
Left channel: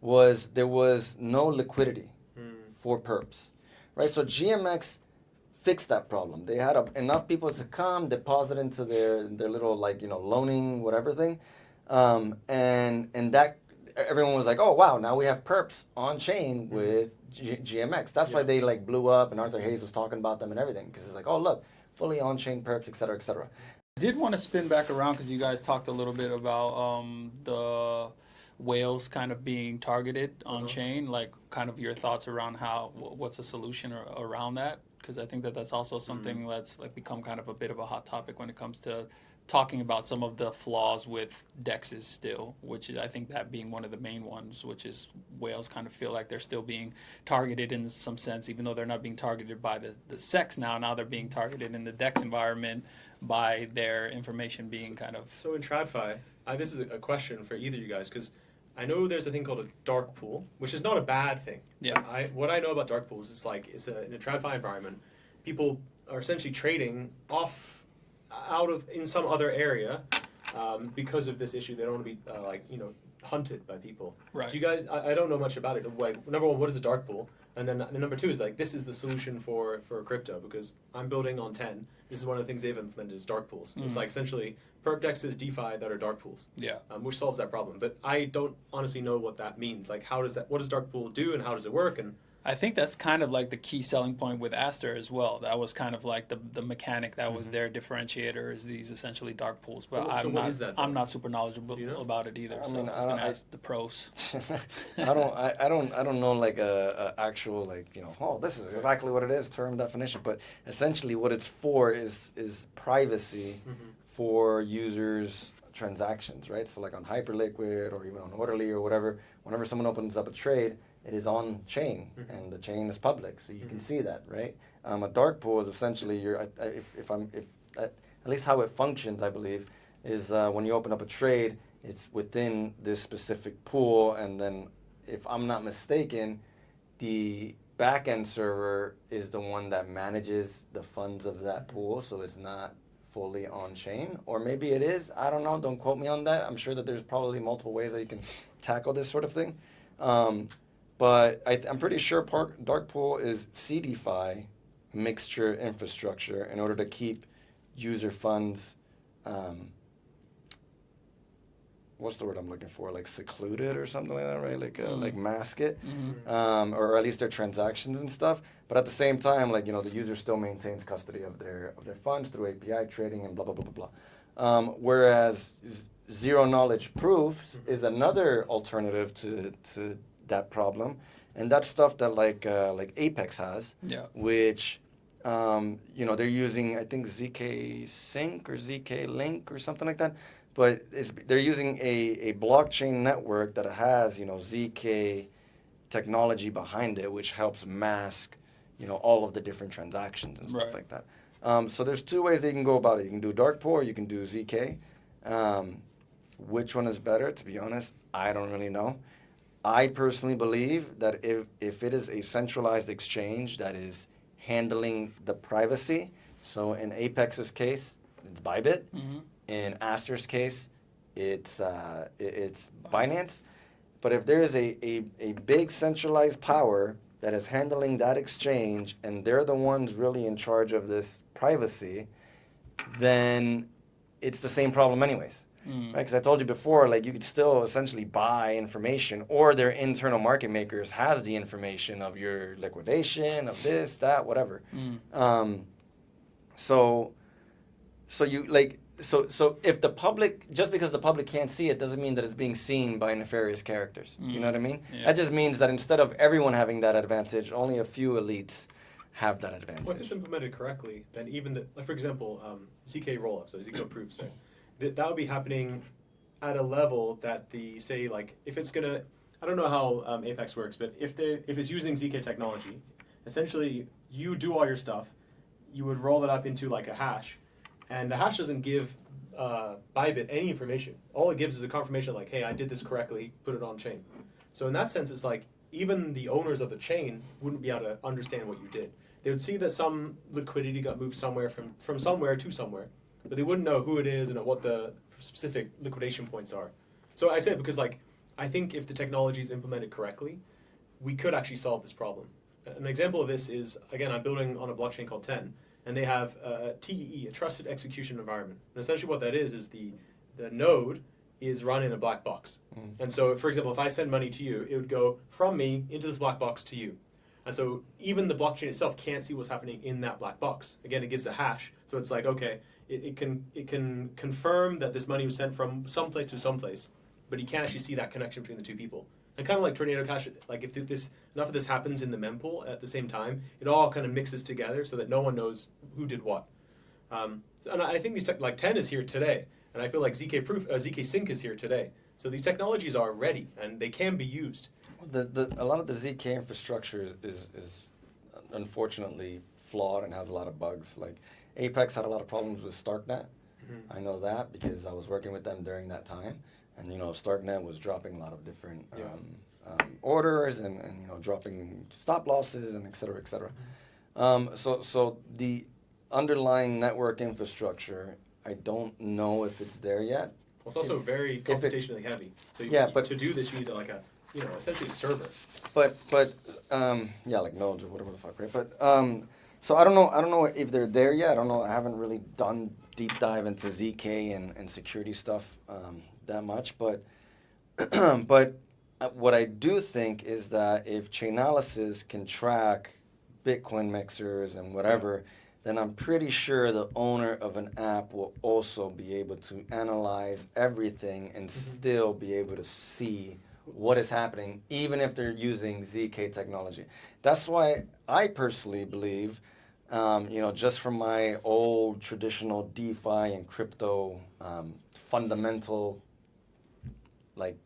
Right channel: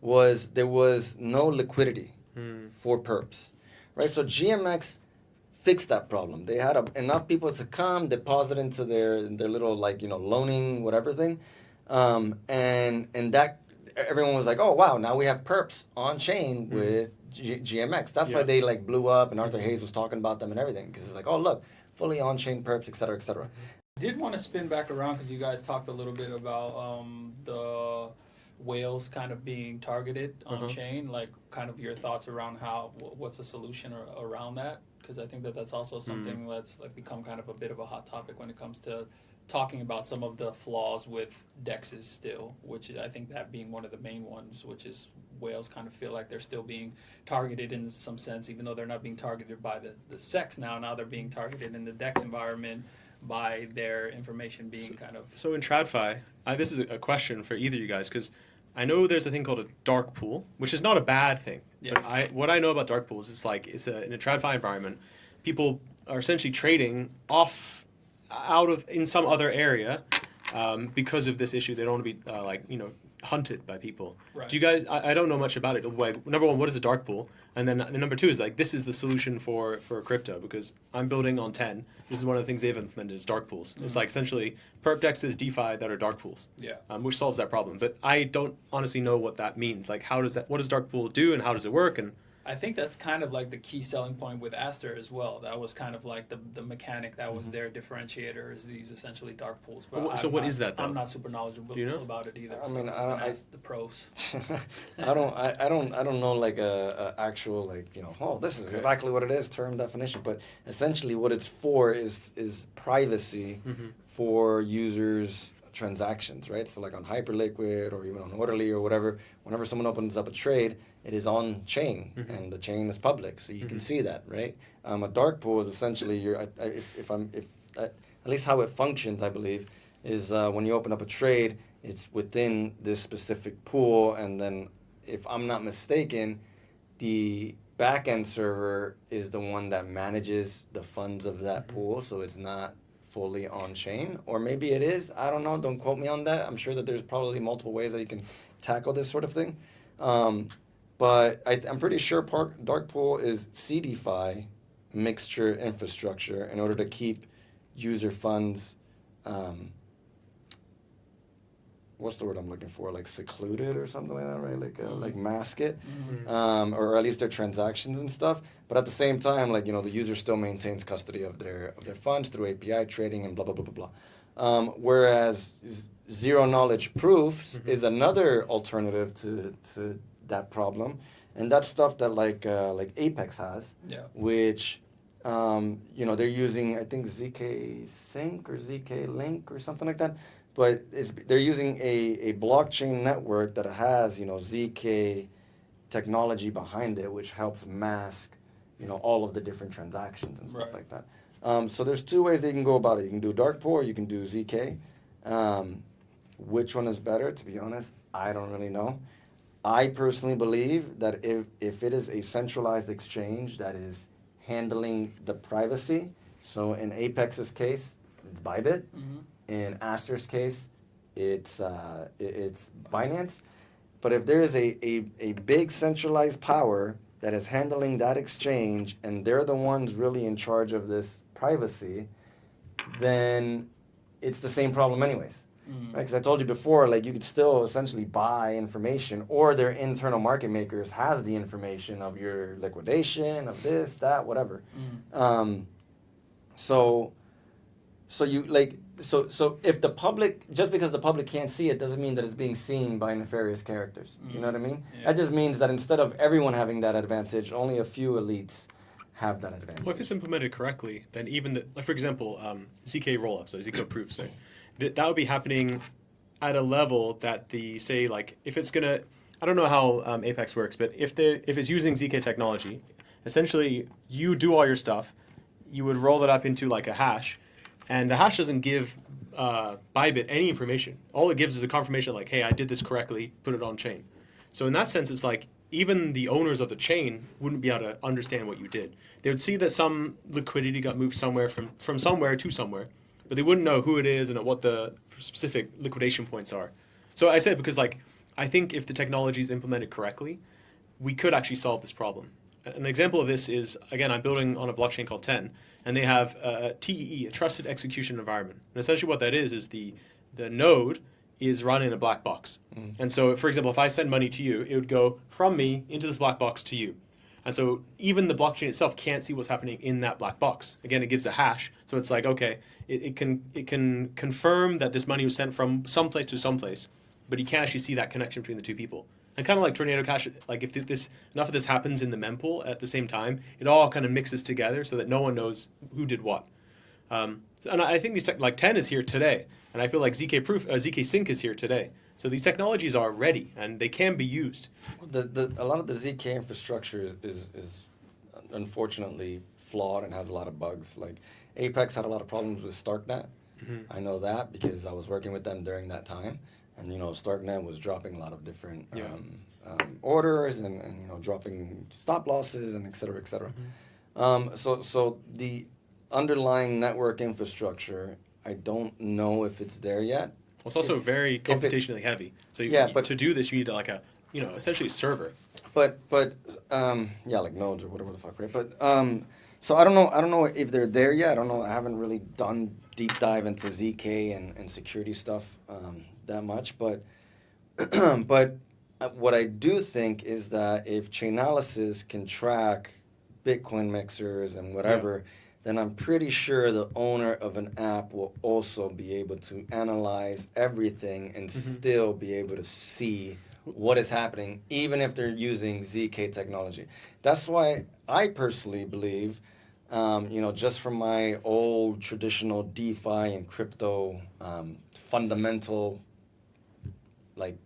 was there was no liquidity for perps, right? So GMX fixed that problem. They had enough people to come deposit into their little loaning whatever thing, and that everyone was like, oh wow, now we have perps on chain with GMX. That's why they blew up, and Arthur Hayes was talking about them and everything because it's like, oh look, fully on chain perps, et cetera, et cetera. I did want to spin back around because you guys talked a little bit about the whales kind of being targeted on chain, like kind of your thoughts around what's a solution around that, because I think that's also something that's become kind of a bit of a hot topic when it comes to talking about some of the flaws with DEXs still, which is, I think that being one of the main ones, which is whales kind of feel like they're still being targeted in some sense, even though they're not being targeted by the CEX now they're being targeted in the DEX environment by their information being kind of... So in TradFi, this is a question for either of you guys, because I know there's a thing called a dark pool, which is not a bad thing. Yeah. What I know about dark pools is in a TradFi environment, people are essentially trading in some other area because of this issue. They don't want to be hunted by people. Right. Do you guys? I don't know much about it. Number one, what is a dark pool? And then number two is this is the solution for crypto, because I'm building on 10. This is one of the things they've implemented is dark pools. It's essentially perp DEXs DeFi that are dark pools. Yeah. Which solves that problem. But I don't honestly know what that means. What does dark pool do and how does it work? And I think that's kind of the key selling point with Aster as well. That was kind of the mechanic that was their differentiator, is these essentially dark pools. But what is that, though? I'm not super knowledgeable about it either. I mean, I ask the pros. I don't know a actual oh, this is exactly what it is term definition. But essentially, what it's for is privacy for users' transactions, right? So on Hyperliquid or even on Orderly or whatever, whenever someone opens up a trade, it is on chain and the chain is public, so you can see that, right? A dark pool is essentially at least how it functions, I believe, is when you open up a trade, it's within this specific pool, and then if I'm not mistaken, the backend server is the one that manages the funds of that pool, so it's not fully on chain, or maybe it is. I don't know. Don't quote me on that. I'm sure that there's probably multiple ways that you can tackle this sort of thing. But I'm pretty sure dark pool is CDFI mixture infrastructure in order to keep user funds, what's the word I'm looking for? Secluded or something like that, right? Mask it, or at least their transactions and stuff. But at the same time, the user still maintains custody of their funds through API trading and blah blah blah blah blah. Whereas zero knowledge proofs is another alternative to that problem, and that's stuff that Apex has, which they're using, I think, ZK Sync or ZK Link or something like that, but they're using a blockchain network that has ZK technology behind it, which helps mask all of the different transactions and stuff like that. So there's two ways that you can go about it. You can do dark pool or you can do ZK. Which one is better? To be honest, I don't really know. I personally believe that if it is a centralized exchange that is handling the privacy, so in Apex's case, it's Bybit. In Aster's case, it's Binance. But if there is a big centralized power that is handling that exchange and they're the ones really in charge of this privacy, then it's the same problem anyways. Right? Because I told you before, you could still essentially buy information, or their internal market makers has the information of your liquidation, of this, that, whatever. So you so if the public, just because the public can't see it, doesn't mean that it's being seen by nefarious characters. You know what I mean? Yeah. That just means that instead of everyone having that advantage, only a few elites have that advantage. Well, if it's implemented correctly, then even like for example, ZK rollups, or ZK proofs, right? That would be happening at a level that say like if it's gonna, I don't know how Apex works, but if it's using ZK technology, essentially you do all your stuff, you would roll it up into like a hash, and the hash doesn't give Bybit any information. All it gives is a confirmation like, hey, I did this correctly, put it on chain. So in that sense, it's like even the owners of the chain wouldn't be able to understand what you did. They would see that some liquidity got moved somewhere from somewhere to somewhere, but they wouldn't know who it is and what the specific liquidation points are. So I say it because like I think if the technology is implemented correctly, we could actually solve this problem. An example of this is, again, I'm building on a blockchain called 10, and they have a TEE, a Trusted Execution Environment. And essentially what that is the node is run in a black box. And so, for example, if I send money to you, it would go from me into this black box to you. And so even the blockchain itself can't see what's happening in that black box. Again, it gives a hash. So it's like, okay, it can confirm that this money was sent from someplace to someplace, but you can't actually see that connection between the two people. And kind of like Tornado Cash, like if enough of this happens in the mempool at the same time, it all kind of mixes together so that no one knows who did what. And I think these like 10 is here today, and I feel like ZK Sync is here today. So these technologies are ready and they can be used. A lot of the ZK infrastructure is unfortunately flawed and has a lot of bugs. Like Apex had a lot of problems with StarkNet. I know that because I was working with them during that time, and StarkNet was dropping a lot of different orders and dropping stop losses and et cetera, et cetera. So the underlying network infrastructure, I don't know if it's there yet. Well, it's also very computationally heavy. So to do this, you need like a essentially a server. But like nodes or whatever the fuck, right? But so I don't know if they're there yet. I don't know. I haven't really done deep dive into ZK and security stuff that much. But what I do think is that if Chainalysis can track Bitcoin mixers and whatever, then I'm pretty sure the owner of an app will also be able to analyze everything and still be able to see what is happening, even if they're using ZK technology. That's why I personally believe, just from my old traditional DeFi and crypto fundamental, like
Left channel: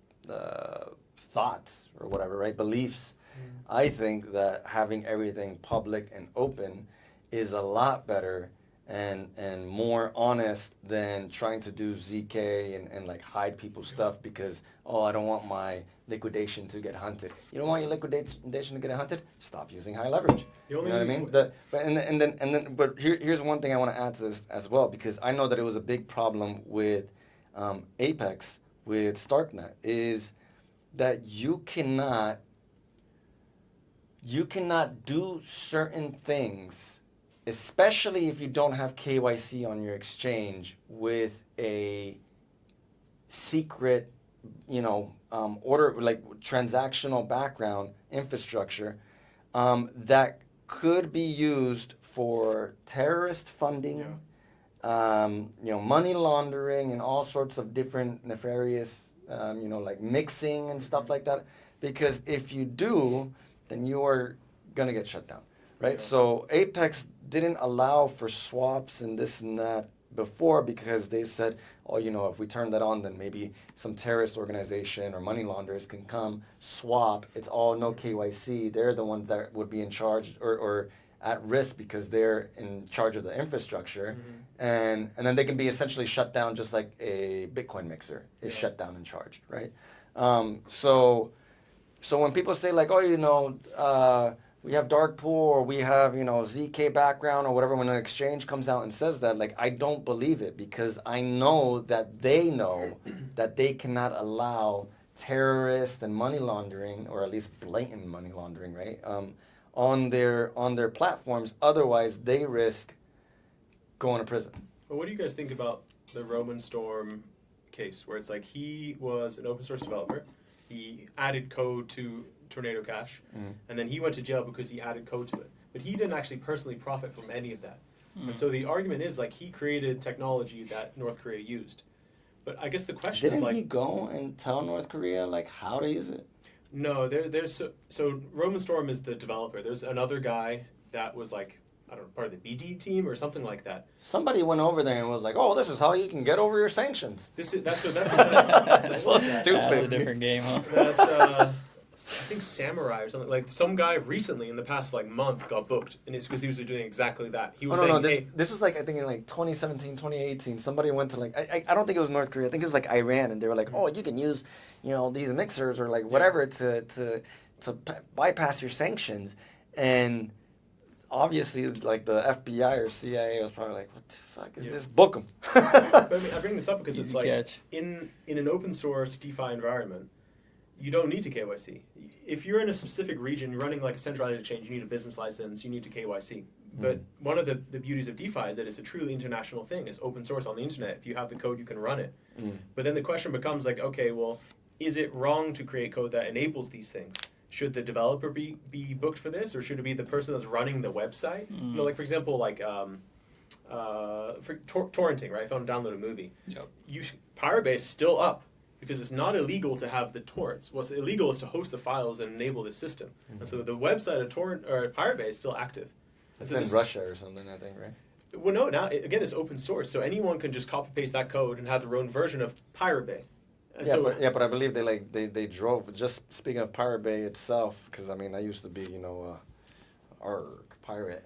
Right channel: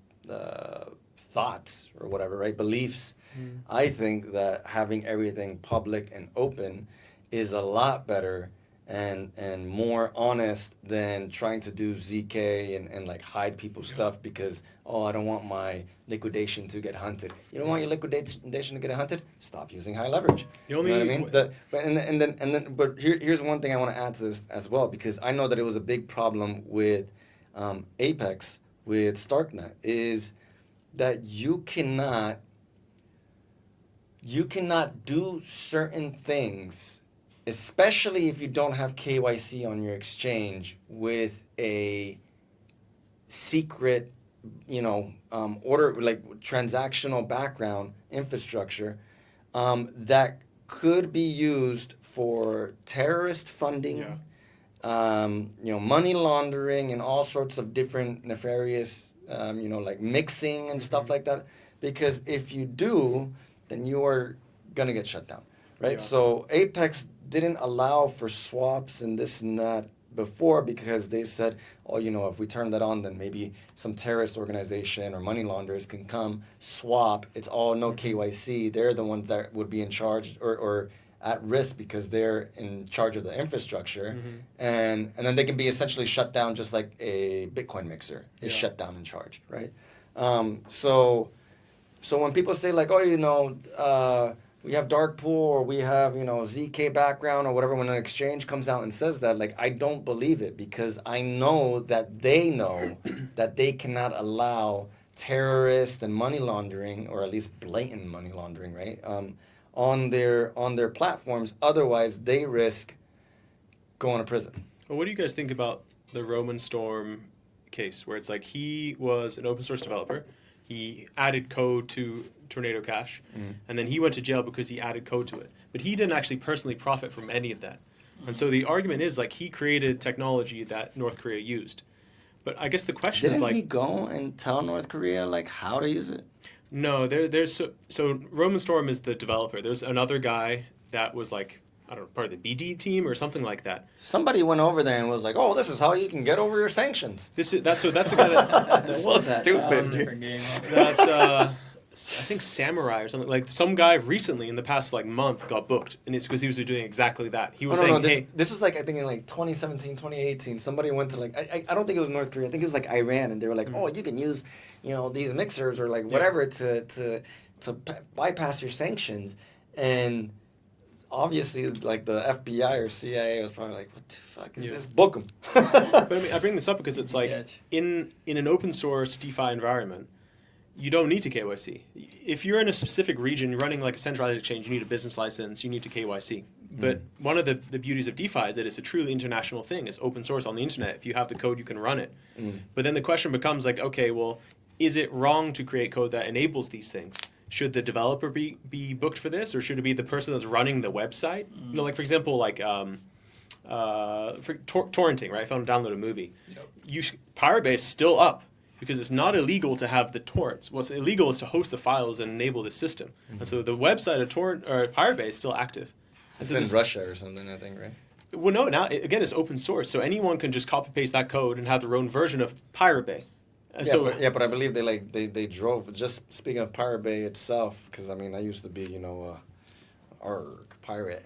thoughts or whatever, right, beliefs, I think that having everything public and open is a lot better and more honest than trying to do ZK and like hide people's stuff because, I don't want my liquidation to get hunted. You don't want your liquidation to get hunted? Stop using high leverage. You know what I mean? But here's one thing I want to add to this as well, because I know that it was a big problem with Apex, with StarkNet, is that you cannot do certain things, especially if you don't have KYC on your exchange, with a secret, order, like transactional background infrastructure that could be used for terrorist funding, money laundering, and all sorts of different nefarious, like mixing and stuff like that. Because if you do, then you are gonna get shut down, right? Yeah. So Apex didn't allow for swaps and this and that before because they said, if we turn that on, then maybe some terrorist organization or money launderers can come swap. It's all no KYC. They're the ones that would be in charge or at risk because they're in charge of the infrastructure, and then they can be essentially shut down just like a Bitcoin mixer is shut down and charged, right? So when people say like, we have dark pool or we have, ZK background or whatever, when an exchange comes out and says that, like, I don't believe it because I know that they know that they cannot allow terrorist and money laundering, or at least blatant money laundering, right, on their platforms. Otherwise, they risk going to prison. Well, what do you guys think about the Roman Storm case, where it's like he was an open source developer, he added code to Tornado Cash, and then he went to jail because he added code to it. But he didn't actually personally profit from any of that. And so the argument is like he created technology that North Korea used. But I guess the question is Didn't like, he go and tell North Korea like how to use it? no, there's so Roman Storm is the developer. There's another guy that was like, I don't know, part of the BD team or something like that. Somebody went over there and was like, "Oh, this is how you can get over your sanctions." That's a guy that That's so stupid. That's a different game, huh? that's I think Samurai or something. Like some guy recently in the past like month got booked, and it's because he was doing exactly that. He was saying, hey, this was like I think in like 2017, 2018. Somebody went to like I don't think it was North Korea. I think it was like Iran, and they were like, "Oh, you can use, these mixers or like whatever to bypass your sanctions," and obviously, like the FBI or CIA was probably like, "What the fuck is this? Book them." But I bring this up because it's like Catch. in an open source DeFi environment, you don't need to KYC. If you're in a specific region, you're running like a centralized exchange, you need a business license, you need to KYC. But one of the beauties of DeFi is that it's a truly international thing. It's open source on the internet. If you have the code, you can run it. But then the question becomes like, okay, well, is it wrong to create code that enables these things? Should the developer be booked for this, or should it be the person that's running the website? Like for example, like for torrenting, right? If I want to download a movie, Pirate Bay is still up because it's not illegal to have the torrents. What's illegal is to host the files and enable the system. And so the website of Pirate Bay is still active. It's in Russia or something, I think, right? Well, no. Now again, it's open source, so anyone can just copy paste that code and have their own version of Pirate Bay. But I believe they drove. Just speaking of Pirate Bay itself, because I mean I used to be pirate,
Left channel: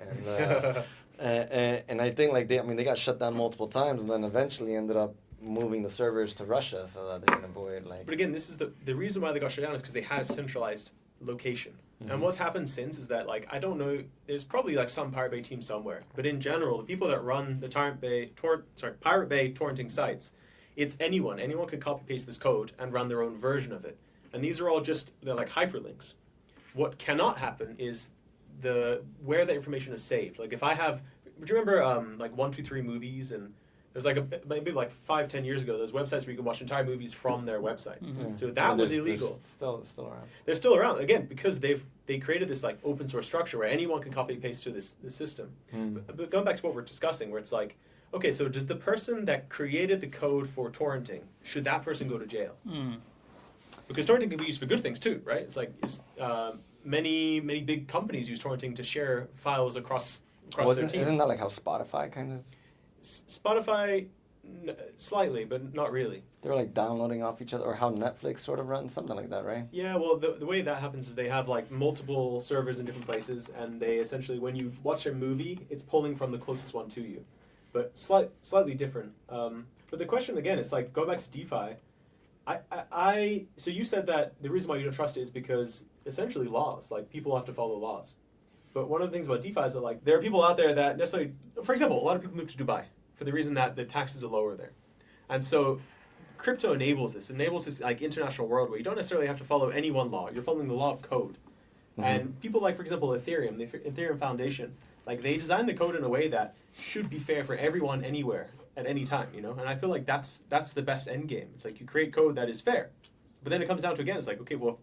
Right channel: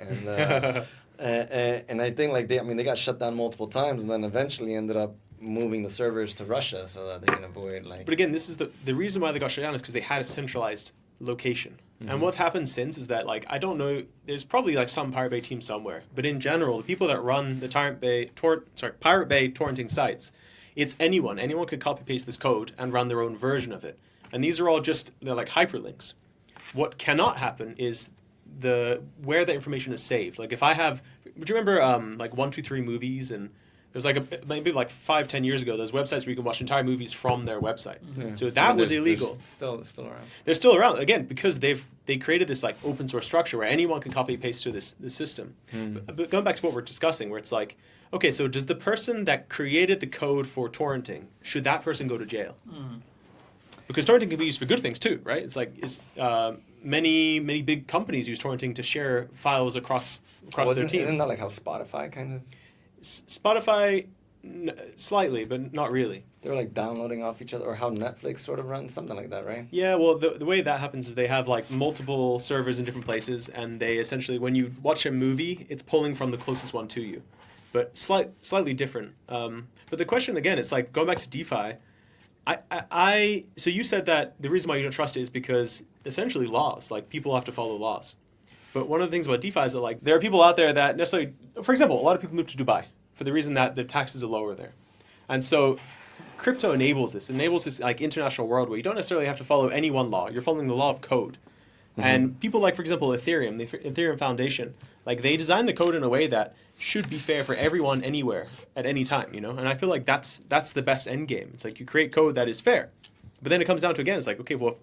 and I think like they got shut down multiple times, and then eventually ended up moving the servers to Russia so that they can avoid like. But again, this is the reason why they got shut down is because they had a centralized location. And what's happened since is that like I don't know, there's probably like some Pirate Bay team somewhere, but in general, the people that run the Pirate Bay torrenting sites. It's anyone. Anyone could copy paste this code and run their own version of it. And these are all they're like hyperlinks. What cannot happen is where the information is saved. Like if I have, do you remember like 123 movies, and there's like maybe like 5-10 years ago, there's websites where you can watch entire movies from their website. So that was illegal. Still around. They're still around again because they created this like open source structure where anyone can copy paste to this system. But going back to what we're discussing, where it's like, okay, so does the person that created the code for torrenting, should that person go to jail? Because torrenting can be used for good things too, right? It's like many big companies use torrenting to share files across their team. Isn't that like how Spotify kind of? Spotify, slightly, but not really. They're like downloading off each other, or how Netflix sort of runs, something like that, right? Yeah, well, the way that happens is they have like multiple servers in different places, and they essentially, when you watch a movie, it's pulling from the closest one to you. But slightly different. But the question again, it's like going back to DeFi. So you said that the reason why you don't trust it is because essentially laws, like people have to follow laws. But one of the things about DeFi is that like there are people out there that necessarily, for example, a lot of people move to Dubai for the reason that the taxes are lower there, and so crypto enables this like international world where you don't necessarily have to follow any one law. You're following the law of code. And people like, for example, Ethereum, the Ethereum Foundation, like they designed the code in a way that should be fair for everyone anywhere at any time, And I feel like that's the best end game. It's like you create code that is fair. But then it comes down to, again, it's like, okay, well,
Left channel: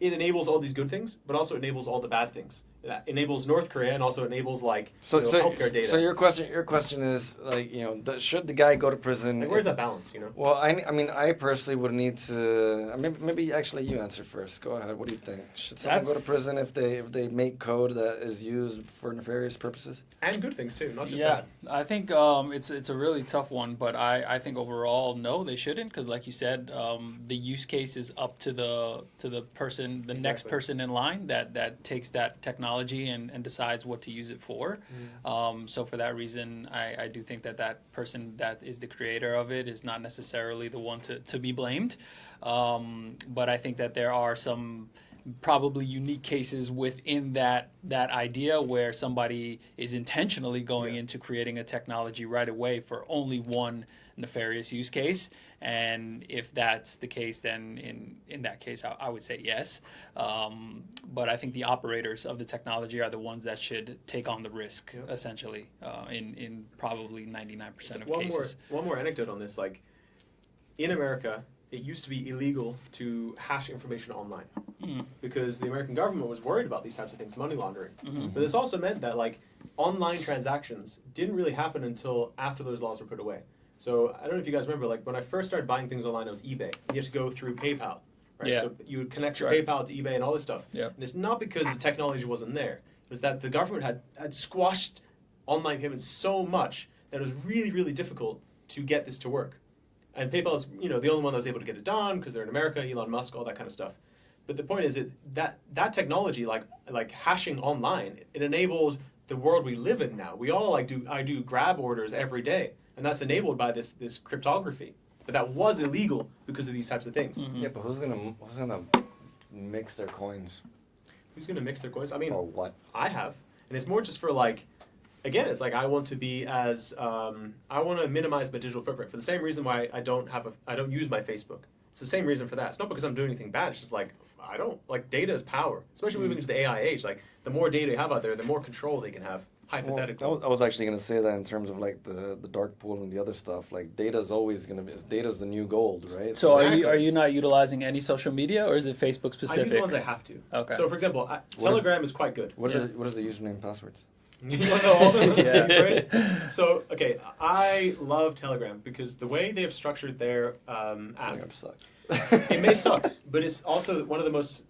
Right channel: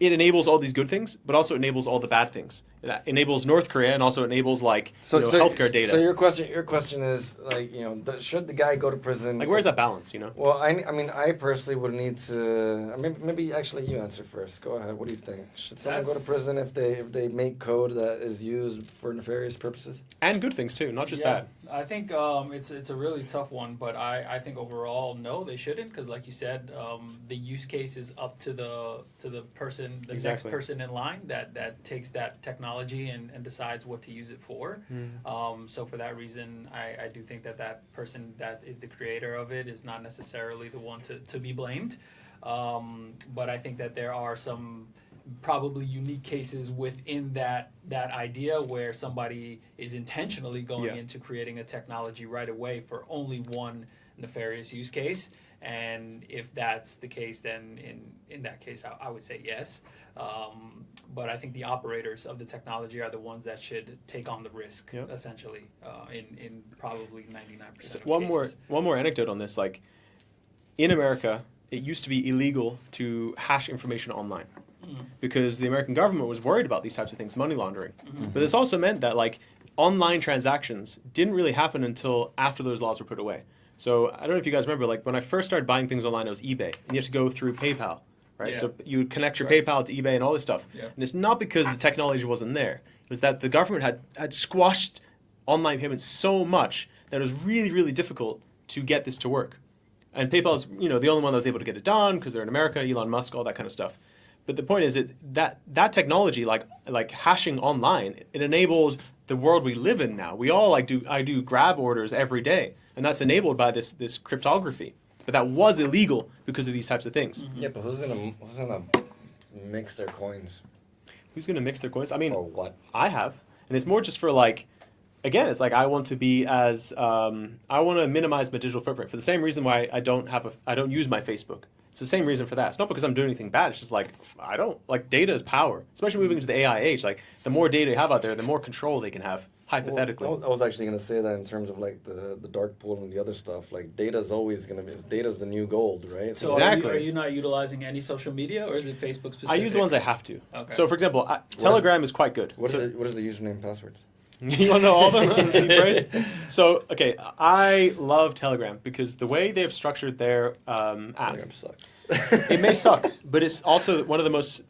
it enables all these good things, but also enables all the bad things. It enables North Korea and also enables healthcare data. So your question is like, should the guy go to prison? Like, where's that balance? Well, I mean, I personally would need to. Maybe actually you answer first. Go ahead. What do you think? Should someone go to prison if they make code that is used for nefarious purposes? And good things too, not just bad. I think it's a really tough one, but I think overall no, they shouldn't, because like you said, the use case is up to the person, next person in line that takes that technology and decides what to use it for. So for that reason, I do think that person that is the creator of it is not necessarily the one to be blamed. But I think that there are some probably unique cases within that idea where somebody is intentionally going into creating a technology right away for only one nefarious use case. And if that's the case, then in that case, I would say yes. But I think the operators of the technology are the ones that should take on the risk, essentially, in probably 99% of cases. One more anecdote on this. Like, in America, it used to be illegal to hash information online because the American government was worried about these types of things, money laundering. But this also meant that, like, online transactions didn't really happen until after those laws were put away. So I don't know if you guys remember, like when I first started buying things online, it was eBay, and you had to go through PayPal, right? Yeah. So you would connect your Right. PayPal to eBay and all this stuff. Yeah. And it's not because the technology wasn't there. It was that the government had squashed online payments so much that it was really, really difficult to get this to work. And PayPal's, the only one that was able to get it done because they're in America, Elon Musk, all that kind of stuff. But the point is that technology, like hashing online, it enabled the world we live in now. We all I do grab orders every day, and that's enabled by this cryptography. But that was illegal because of these types of things. Yeah, but who's gonna mix their coins? Who's gonna mix their coins? I mean, Or what? I have, and it's more just for like, again, it's like I want to be as I want to minimize my digital footprint for the same reason why I don't use my Facebook. It's the same reason for that. It's not because I'm doing anything bad. It's just like I don't like data is power, especially moving into the AI age. Like the more data you have out there, the more control they can have. Hypothetically, Well, I was actually gonna say that in terms of like the dark pool and the other stuff. Like data's always gonna be data's the new gold, right? So Exactly. are you not utilizing any social media, or is it Facebook specific? I use the ones I have to. Okay. So for example, Telegram is quite good. What So- is the username and passwords? You want to know all of them? Yeah. Phrase? So, okay, I love Telegram because the way they've structured their app, Telegram sucks. it may suck, but it's also one of the most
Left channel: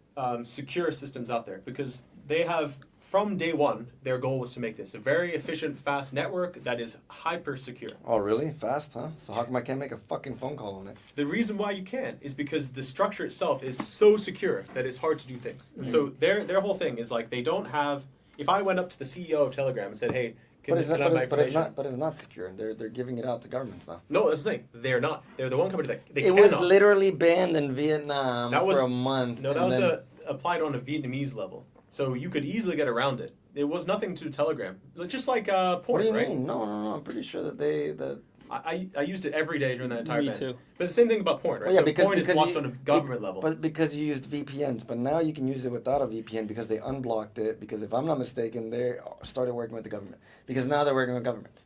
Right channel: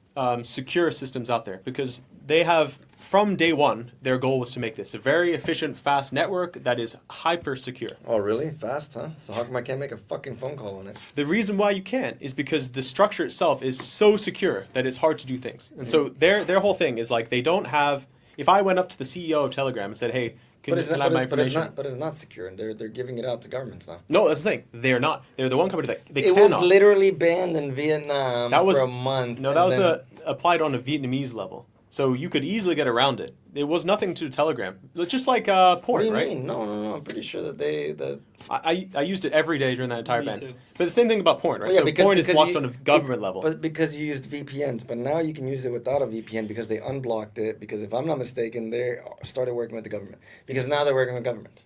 secure systems out there because they have, from day one, their goal was to make this a very efficient, fast network that is hyper secure. Oh, really? Fast, huh? So how come I can't make a fucking phone call on it? The reason why you can't is because the structure itself is so secure that it's hard to do things. And so their whole thing is like they don't have. If I went up to the CEO of Telegram and said, "Hey, can I have my information?" But it's not secure, and they're giving it out to governments now. No, that's the thing. They're not. They're the one company that they It cannot. was literally banned in Vietnam That was- for a month. No, that was applied on a Vietnamese level. So you could easily get around it. It was nothing to Telegram. It's just like porn, What do you right? mean? No. I'm pretty sure that I used it every day during that entire Me ban. too. But the same thing about porn, right? Well, yeah, so because- porn is because blocked you- on a government level. But because you used VPNs, but now you can use it without a VPN because they unblocked it. Because if I'm not mistaken, they started working with the government. Because now they're working with government.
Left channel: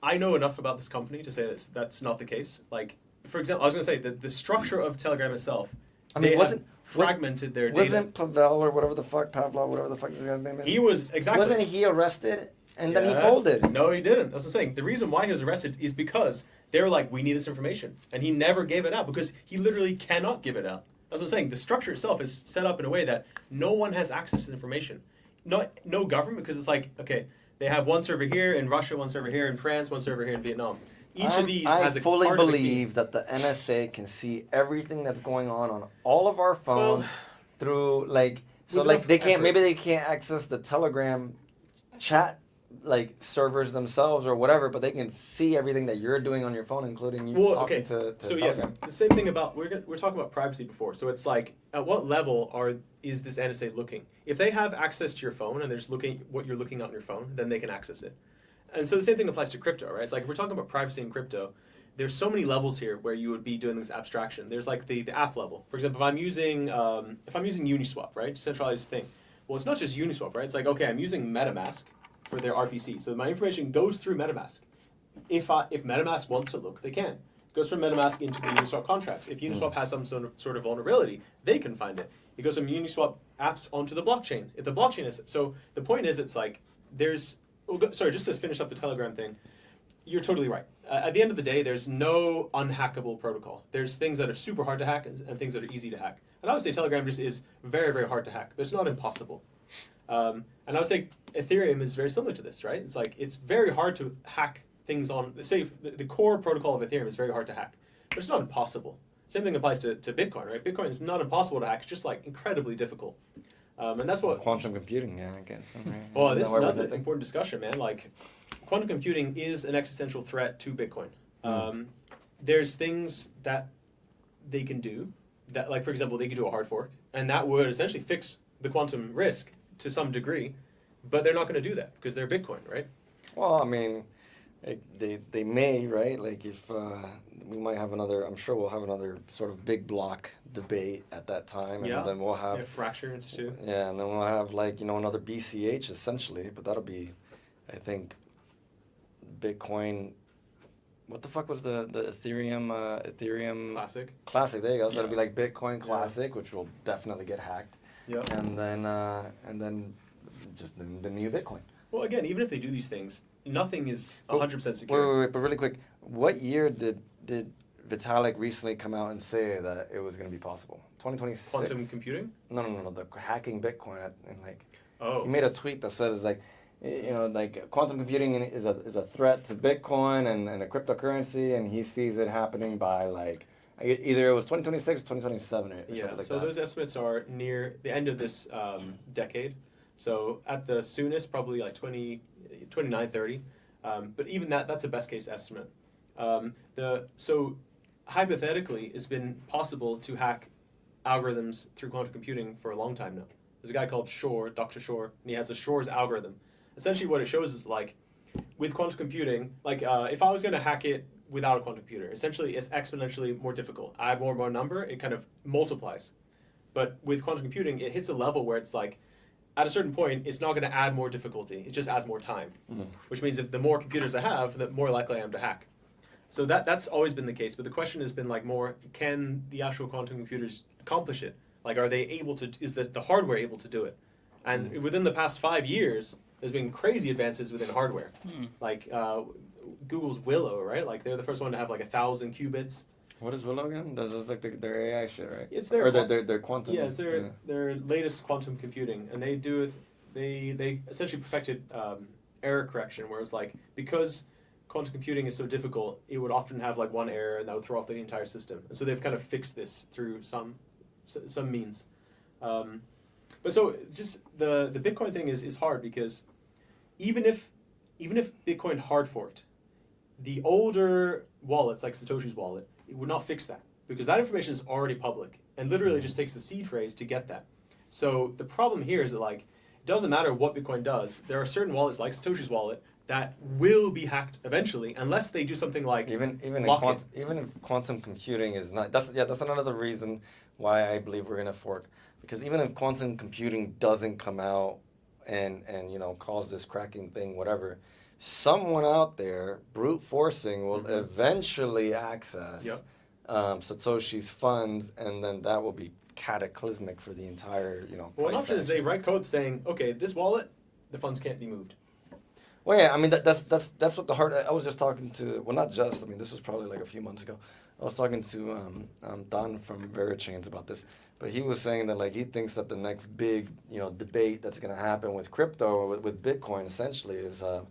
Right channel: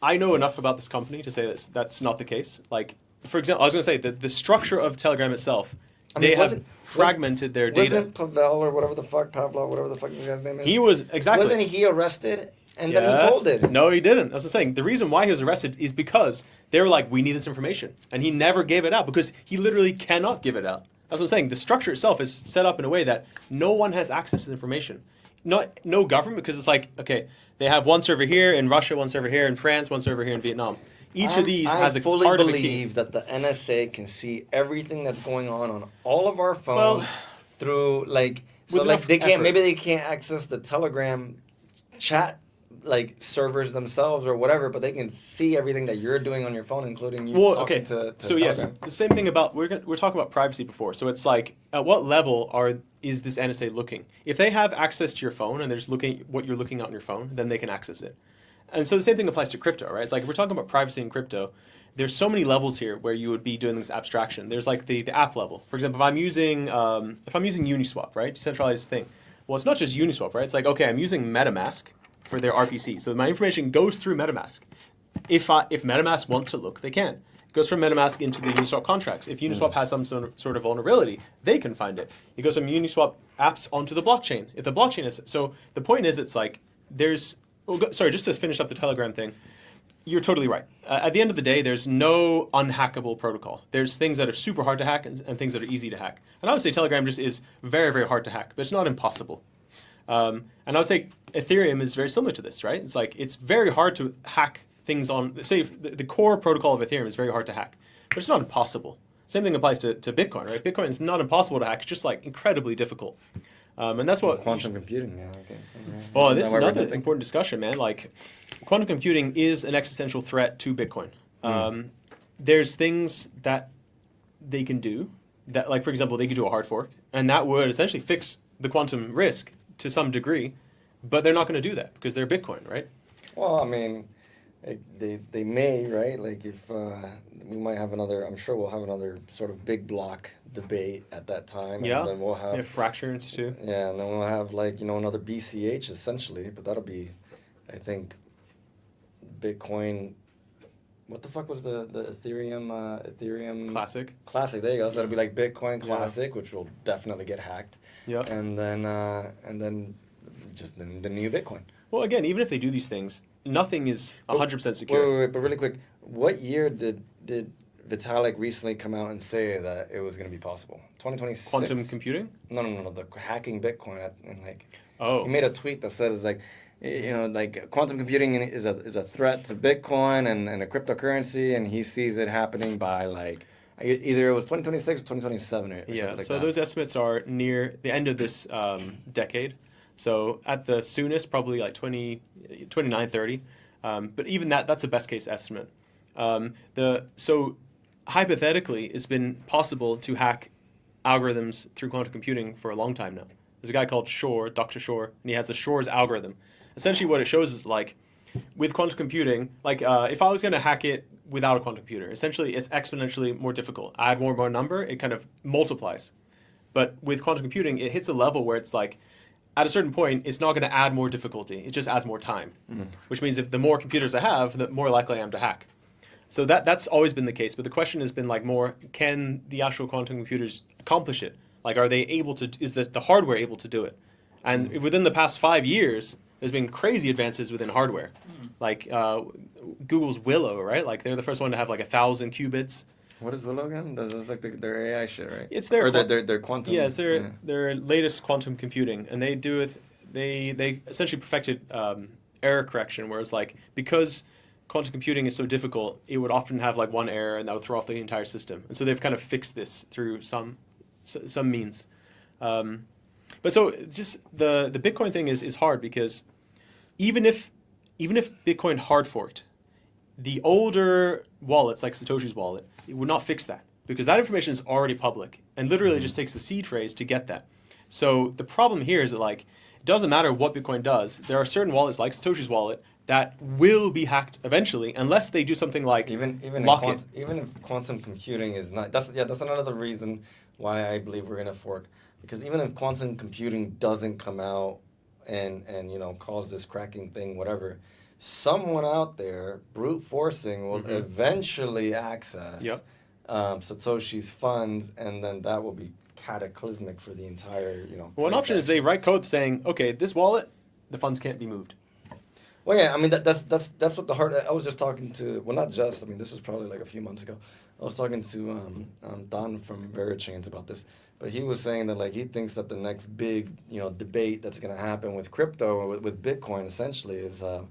I know enough about this company to say that's not the case. Like, for example, I was going to say that the structure of Telegram itself, I mean, they have wasn't- fragmented their data. Wasn't Pavel or whatever the fuck Pavlov, whatever the fuck this guy's name is? He was exactly. Wasn't he arrested and then he Yes. folded? No, he didn't. That's what I'm saying. The reason why he was arrested is because they were like, we need this information. And he never gave it out because he literally cannot give it out. That's what I'm saying. The structure itself is set up in a way that no one has access to the information. No government, because it's like, okay, they have one server here in Russia, one server here in France, one server here in Vietnam. Each of these has a fully part of a key. believe that the NSA can see everything that's going on all of our phones through like so with like enough they can't effort. maybe they can't access the Telegram chat like servers themselves or whatever, but they can see everything that you're doing on your phone, including you Well, talking okay. to So Telegram. yes, the same thing about we're talking about privacy before. So it's like, at what level is this NSA looking? If they have access to your phone and they're just looking what you're looking at on your phone, then they can access it. And so the same thing applies to crypto, right? It's like we're talking about privacy in crypto. There's so many levels here where you would be doing this abstraction. There's like the app level. For example, if I'm using Uniswap, right, decentralized thing. Well, it's not just Uniswap, right? It's like, okay, I'm using MetaMask for their RPC, so my information goes through MetaMask. If MetaMask wants to look, they can. It goes from MetaMask into the Uniswap contracts. If Uniswap has some sort of vulnerability, they can find it. It goes from Uniswap apps onto the blockchain. If the blockchain is so, the point is, it's like there's. Sorry, just to finish up the Telegram thing. You're totally right. At the end of the day, there's no unhackable protocol. There's things that are super hard to hack and things that are easy to hack. And I would say Telegram just is very, very hard to hack, but it's not impossible. And I would say Ethereum is very similar to this, right? It's like it's very hard to hack things on, say, the core protocol of Ethereum is very hard to hack, but it's not impossible. Same thing applies to Bitcoin, right? Bitcoin is not impossible to hack, it's just like incredibly difficult. And that's what Quantum computing, yeah, I guess. Oh, this is Now we're another thinking. important discussion, man. Like, quantum computing is an existential threat to Bitcoin. There's things that they can do that, like, for example, they could do a hard fork, and that would essentially fix the quantum risk to some degree, but they're not going to do that because they're Bitcoin, right? Well, I mean, they may, right? Like if we might have another, I'm sure we'll have another sort of big block debate at that time. Yeah. And then we'll have Fractures too. Yeah, and then we'll have like another BCH essentially, but that'll be, I think, Bitcoin. What the fuck was the Ethereum Classic. Classic? There you go. So that'll be like Bitcoin Classic, which will definitely get hacked. Yep. And then just the new Bitcoin. Well, again, even if they do these things, nothing is 100% secure. Wait, but really quick, what year did Vitalik recently come out and say that it was going to be possible? 2026? Quantum computing? No. The hacking Bitcoin and like. Oh. He made a tweet that says like, like quantum computing is a threat to Bitcoin and a cryptocurrency, and he sees it happening by like either it was 2026 or 2027 or something like that. So those estimates are near the end of this decade. So at the soonest, probably like 29, 30. But even that's a best case estimate. So hypothetically, it's been possible to hack algorithms through quantum computing for a long time now. There's a guy called Shor, Dr. Shor, and he has a Shor's algorithm. Essentially what it shows is like, with quantum computing, like if I was going to hack it without a quantum computer, essentially it's exponentially more difficult. I add more and more number, it kind of multiplies. But with quantum computing, it hits a level where it's like, at a certain point, it's not going to add more difficulty. It just adds more time, which means if the more computers I have, the more likely I am to hack. So that's always been the case. But the question has been like more, can the actual quantum computers accomplish it? Like, are they able to, is the hardware able to do it? And within the past 5 years, there's been crazy advances within hardware. Like Google's Willow, right? Like they're the first one to have like 1,000 qubits. What is Willow again? That's like their AI shit, right? It's their their quantum. Yeah, it's their latest quantum computing, and they do it. They essentially perfected error correction, whereas like because quantum computing is so difficult, it would often have like one error, and that would throw off the entire system. And so they've kind of fixed this through some means. But so just the Bitcoin thing is hard because even if Bitcoin hard forked, the older wallets like Satoshi's wallet, it would not fix that because that information is already public and literally just takes the seed phrase to get that. So the problem here is that like it doesn't matter what Bitcoin does. There are certain wallets like Satoshi's wallet that will be hacked eventually unless they do something like even if quantum computing is not that's another reason why I believe we're gonna fork, because even if quantum computing doesn't come out and cause this cracking thing, whatever, someone out there brute forcing will eventually access Satoshi's funds, and then that will be cataclysmic for the entire Well, an option is they write code saying, okay, this wallet, the funds can't be moved. Well, yeah, I mean that's what the hard. I was just talking to, well, not just. I mean, this was probably like a few months ago. I was talking to Don from VeriChains about this, but he was saying that like he thinks that the next big debate that's going to happen with crypto or with Bitcoin essentially is are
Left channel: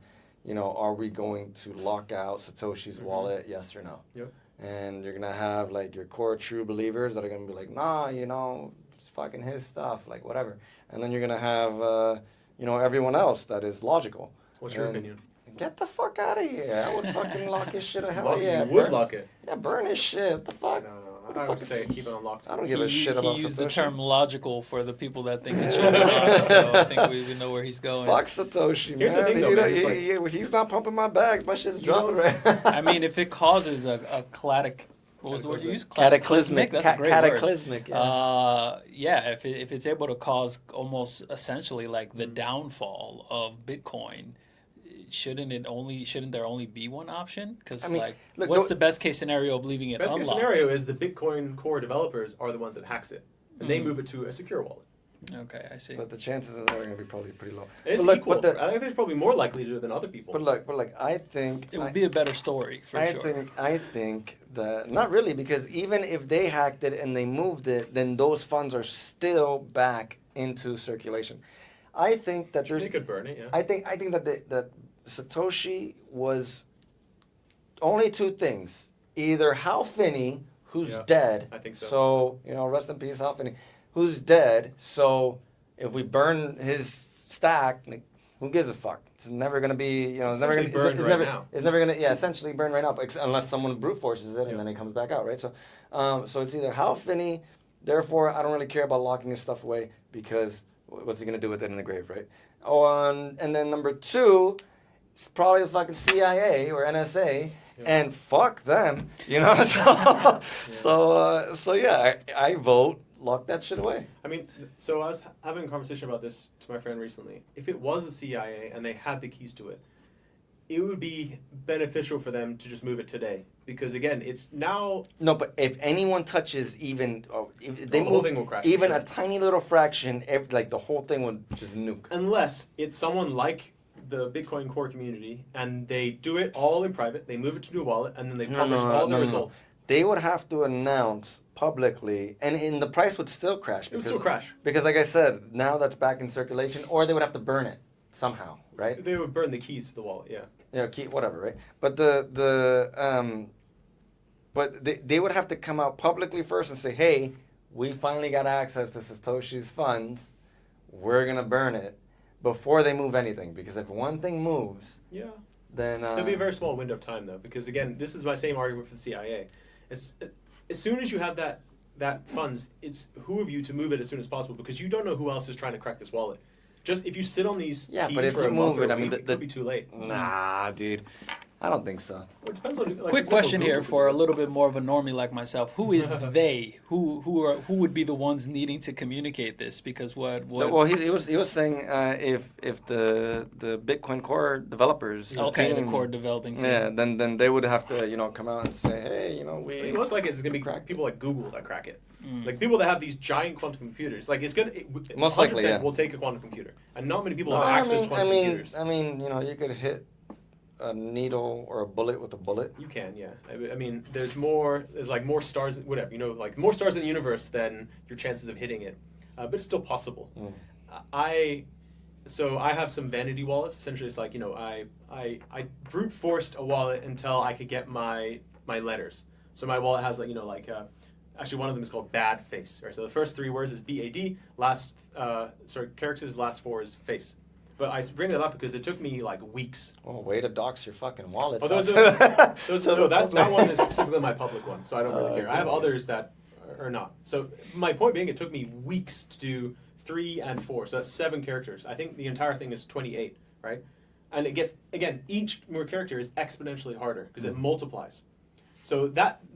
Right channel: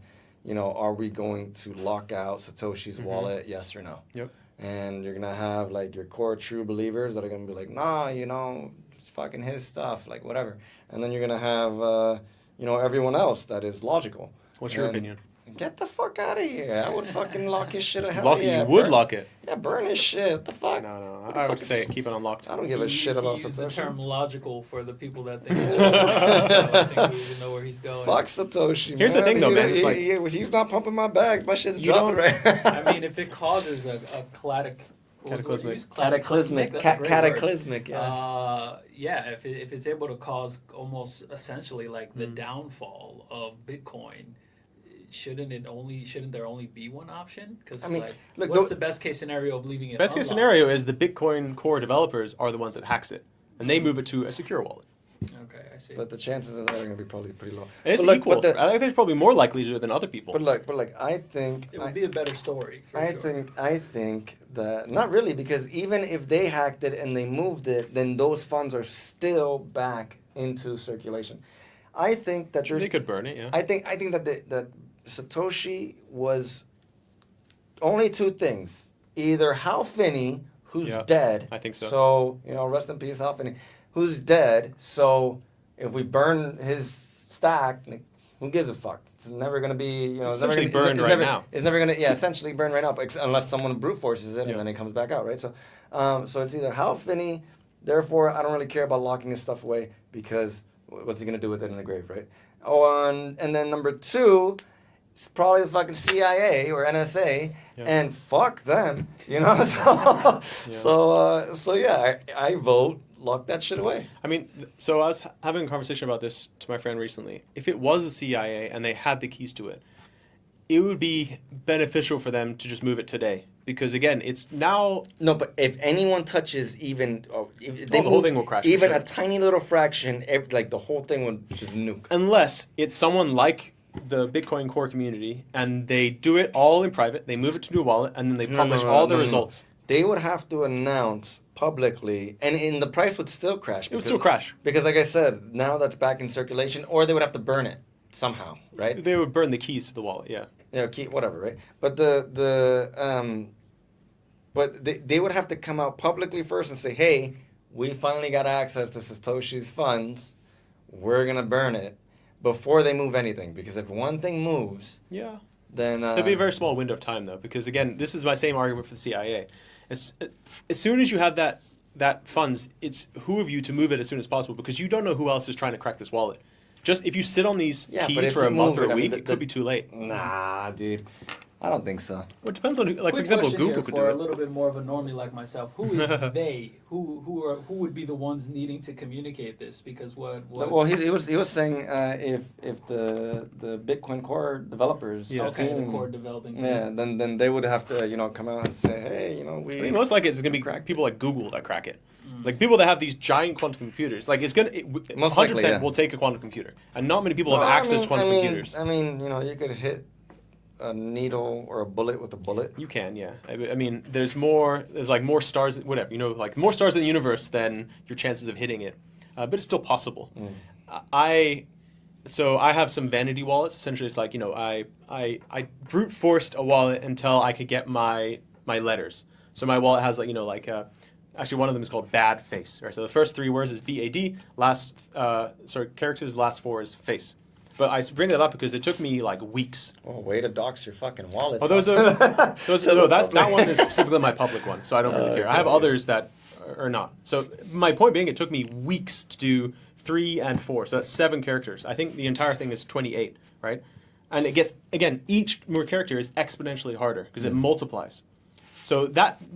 we going to lock out Satoshi's wallet, yes or no? Yep. And you're gonna have like your core true believers that are gonna be like, nah, it's fucking his stuff, like whatever. And then you're gonna have everyone else that is logical. What's your opinion? Get the fuck out of here. I would fucking lock his shit. You would lock it. Yeah, burn his shit. What the fuck? No. I would say keep it unlocked. I don't give a shit about He used Satoshi. the term logical for the people that think it's true. So I think we know where he's going. Fuck Satoshi, man. Here's the thing, though, man. He's not pumping my bags. My shit's dropping right now. I mean, if it causes a cataclysmic, yeah. If it's able to cause almost essentially like the downfall of Bitcoin, shouldn't there only be one option? Because what's the best case scenario of leaving it? Best case scenario is the Bitcoin core developers are the ones that hacks it, and they move it to a secure wallet. Okay, I see. But the chances of that are going to be probably pretty low. It's equal. I think there's probably more likely to do it than other people. But I think it would be a better story. I think that not really, because even if they hacked it and they moved it, then those funds are still back into circulation. I think that they could burn it. Yeah. I think that Satoshi was only two things: either Hal Finney, who's dead. I think so. So rest in peace, Hal Finney, who's dead. So if we burn his stack, like, who gives a fuck? It's never gonna be It's never gonna essentially burn right now, unless someone brute forces it and then it comes back out, right? So so it's either Hal Finney. Therefore, I don't really care about locking his stuff away because what's he gonna do with it in the grave, right? And then number two. It's probably the fucking CIA or NSA, and fuck them, So I vote lock that shit away. I mean, so I was having a conversation about this to my friend recently. If it was the CIA and they had the keys to it, it would be beneficial for them to just move it today, because again, it's now. No, but if anyone touches even, if they the whole thing will crash. Even a tiny little fraction, like the whole thing would just nuke. Unless it's someone like the Bitcoin core community and they do it all in private. They move it to a wallet and then they No, publish no, no, all no, the no, no. results. They would have to announce publicly, and the price would still crash. It would still crash. Because, like I said, now that's back in circulation, or they would have to burn it somehow, right? They would burn the keys to the wallet, yeah. Yeah, whatever, right? But they would have to come out publicly first and say, hey, we finally got access to Satoshi's funds. We're gonna burn it before they move anything. Because if one thing moves, Yeah. then There'd be a very small window of time, though, because, again, this is my same argument for the CIA. As soon as you have that funds, it's who of you to move it as soon as possible, because you don't know who else is trying to crack this wallet. Just if you sit on these but keys if for you a month move or it, a I mean, week, it could be too late. Nah, dude. I don't think so. Well, it depends on who. Like, for Quick example, question Google here could for do a it. little bit more of a normie like myself. Who is they? Who would be the ones needing to communicate this? Because what? Well, he was saying if the Bitcoin Core developers, Okay, team, the core developing team. yeah, then they would have to come out and say, hey, I we mean, most likely it's going to be cracked people like Google that crack it. Like people that have these giant quantum computers. Like it's going to Most 100% likely, yeah. will take a quantum computer, and not many people No, have access to quantum computers. I mean, you could hit a needle or a bullet with a bullet. You can, yeah. I mean, there's like more stars, whatever, like more stars in the universe than your chances of hitting it. But it's still possible. So I have some vanity wallets. Essentially, it's like, I brute forced a wallet until I could get my letters. So my wallet has actually one of them is called bad face. Right? So the first 3 words is BAD, characters, last 4 is face. But I bring that up because it took me like weeks. Oh, way to dox your fucking wallet. Oh, that one is specifically my public one, so I don't really care. I have others that are not. So my point being, it took me weeks to do 3 and 4, so that's 7 characters. I think the entire thing is 28, right? And it gets, again, each more character is exponentially harder because it multiplies. So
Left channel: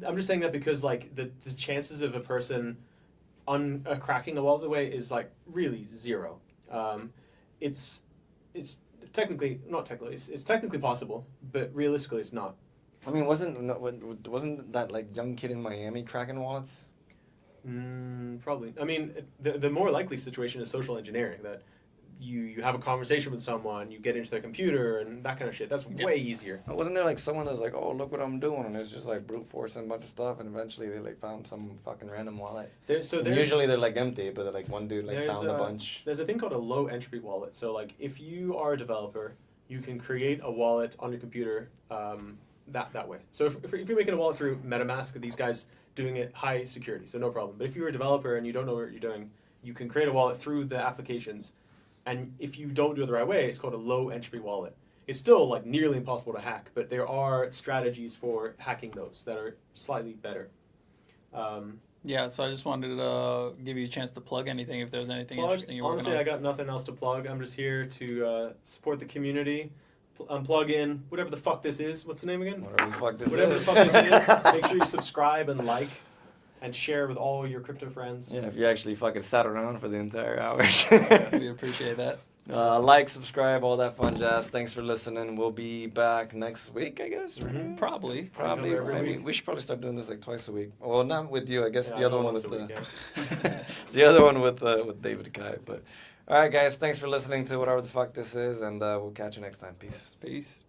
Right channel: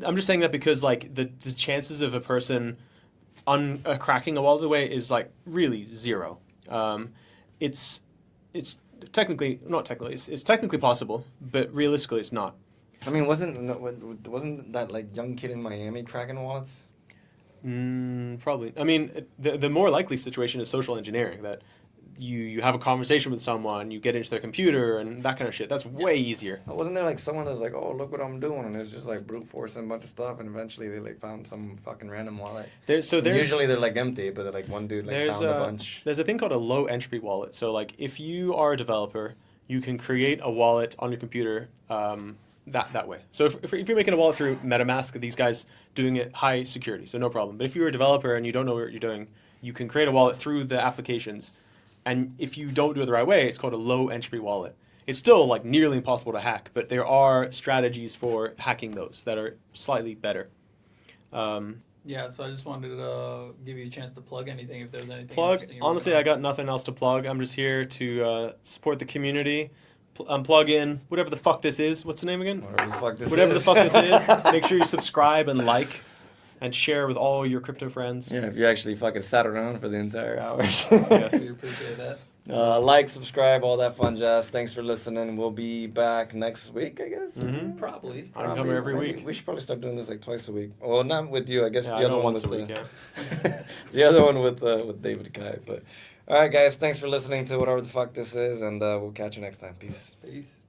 I'm just saying that because like the chances of a person cracking a wallet away is like really 0. It's technically possible, but realistically it's not. I mean, wasn't that like young kid in Miami cracking wallets? Probably. I mean, the more likely situation is social engineering, that you have a conversation with someone, you get into their computer, and that kind of shit. That's way easier. Wasn't there like someone that's like, oh, look what I'm doing, and it's just like brute forcing a bunch of stuff, and eventually they like found some fucking random wallet. Usually they're like empty, but they're like one dude like found a bunch. There's a thing called a low entropy wallet. So like if you are a developer, you can create a wallet on your computer that way. So if you're making a wallet through MetaMask, these guys doing it high security, so no problem. But if you're a developer and you don't know what you're doing, you can create a wallet through the applications. And if you don't do it the right way, it's called a low entropy wallet. It's still like nearly impossible to hack, but there are strategies for hacking those that are slightly better. Yeah, so I just wanted to give you a chance to plug anything if there's anything Plug. interesting you're Honestly, working I got nothing else to plug. I'm just here to support the community. Plug in whatever the fuck this is. What's the name again? Whatever the fuck this is. Make sure you subscribe and like. And share with all your crypto friends. Yeah, if you actually fucking sat around for the entire hour. Yes. We appreciate that. Like, subscribe, all that fun jazz. Thanks for listening. We'll be back next week, I guess. Mm-hmm. Probably. Probably every week. We should probably start doing this like twice a week. Well, not with you. I guess Yeah, the other one once with a week, the other one with David Kai. But all right, guys. Thanks for listening to whatever the fuck this is, and we'll catch you next time. Peace. Peace.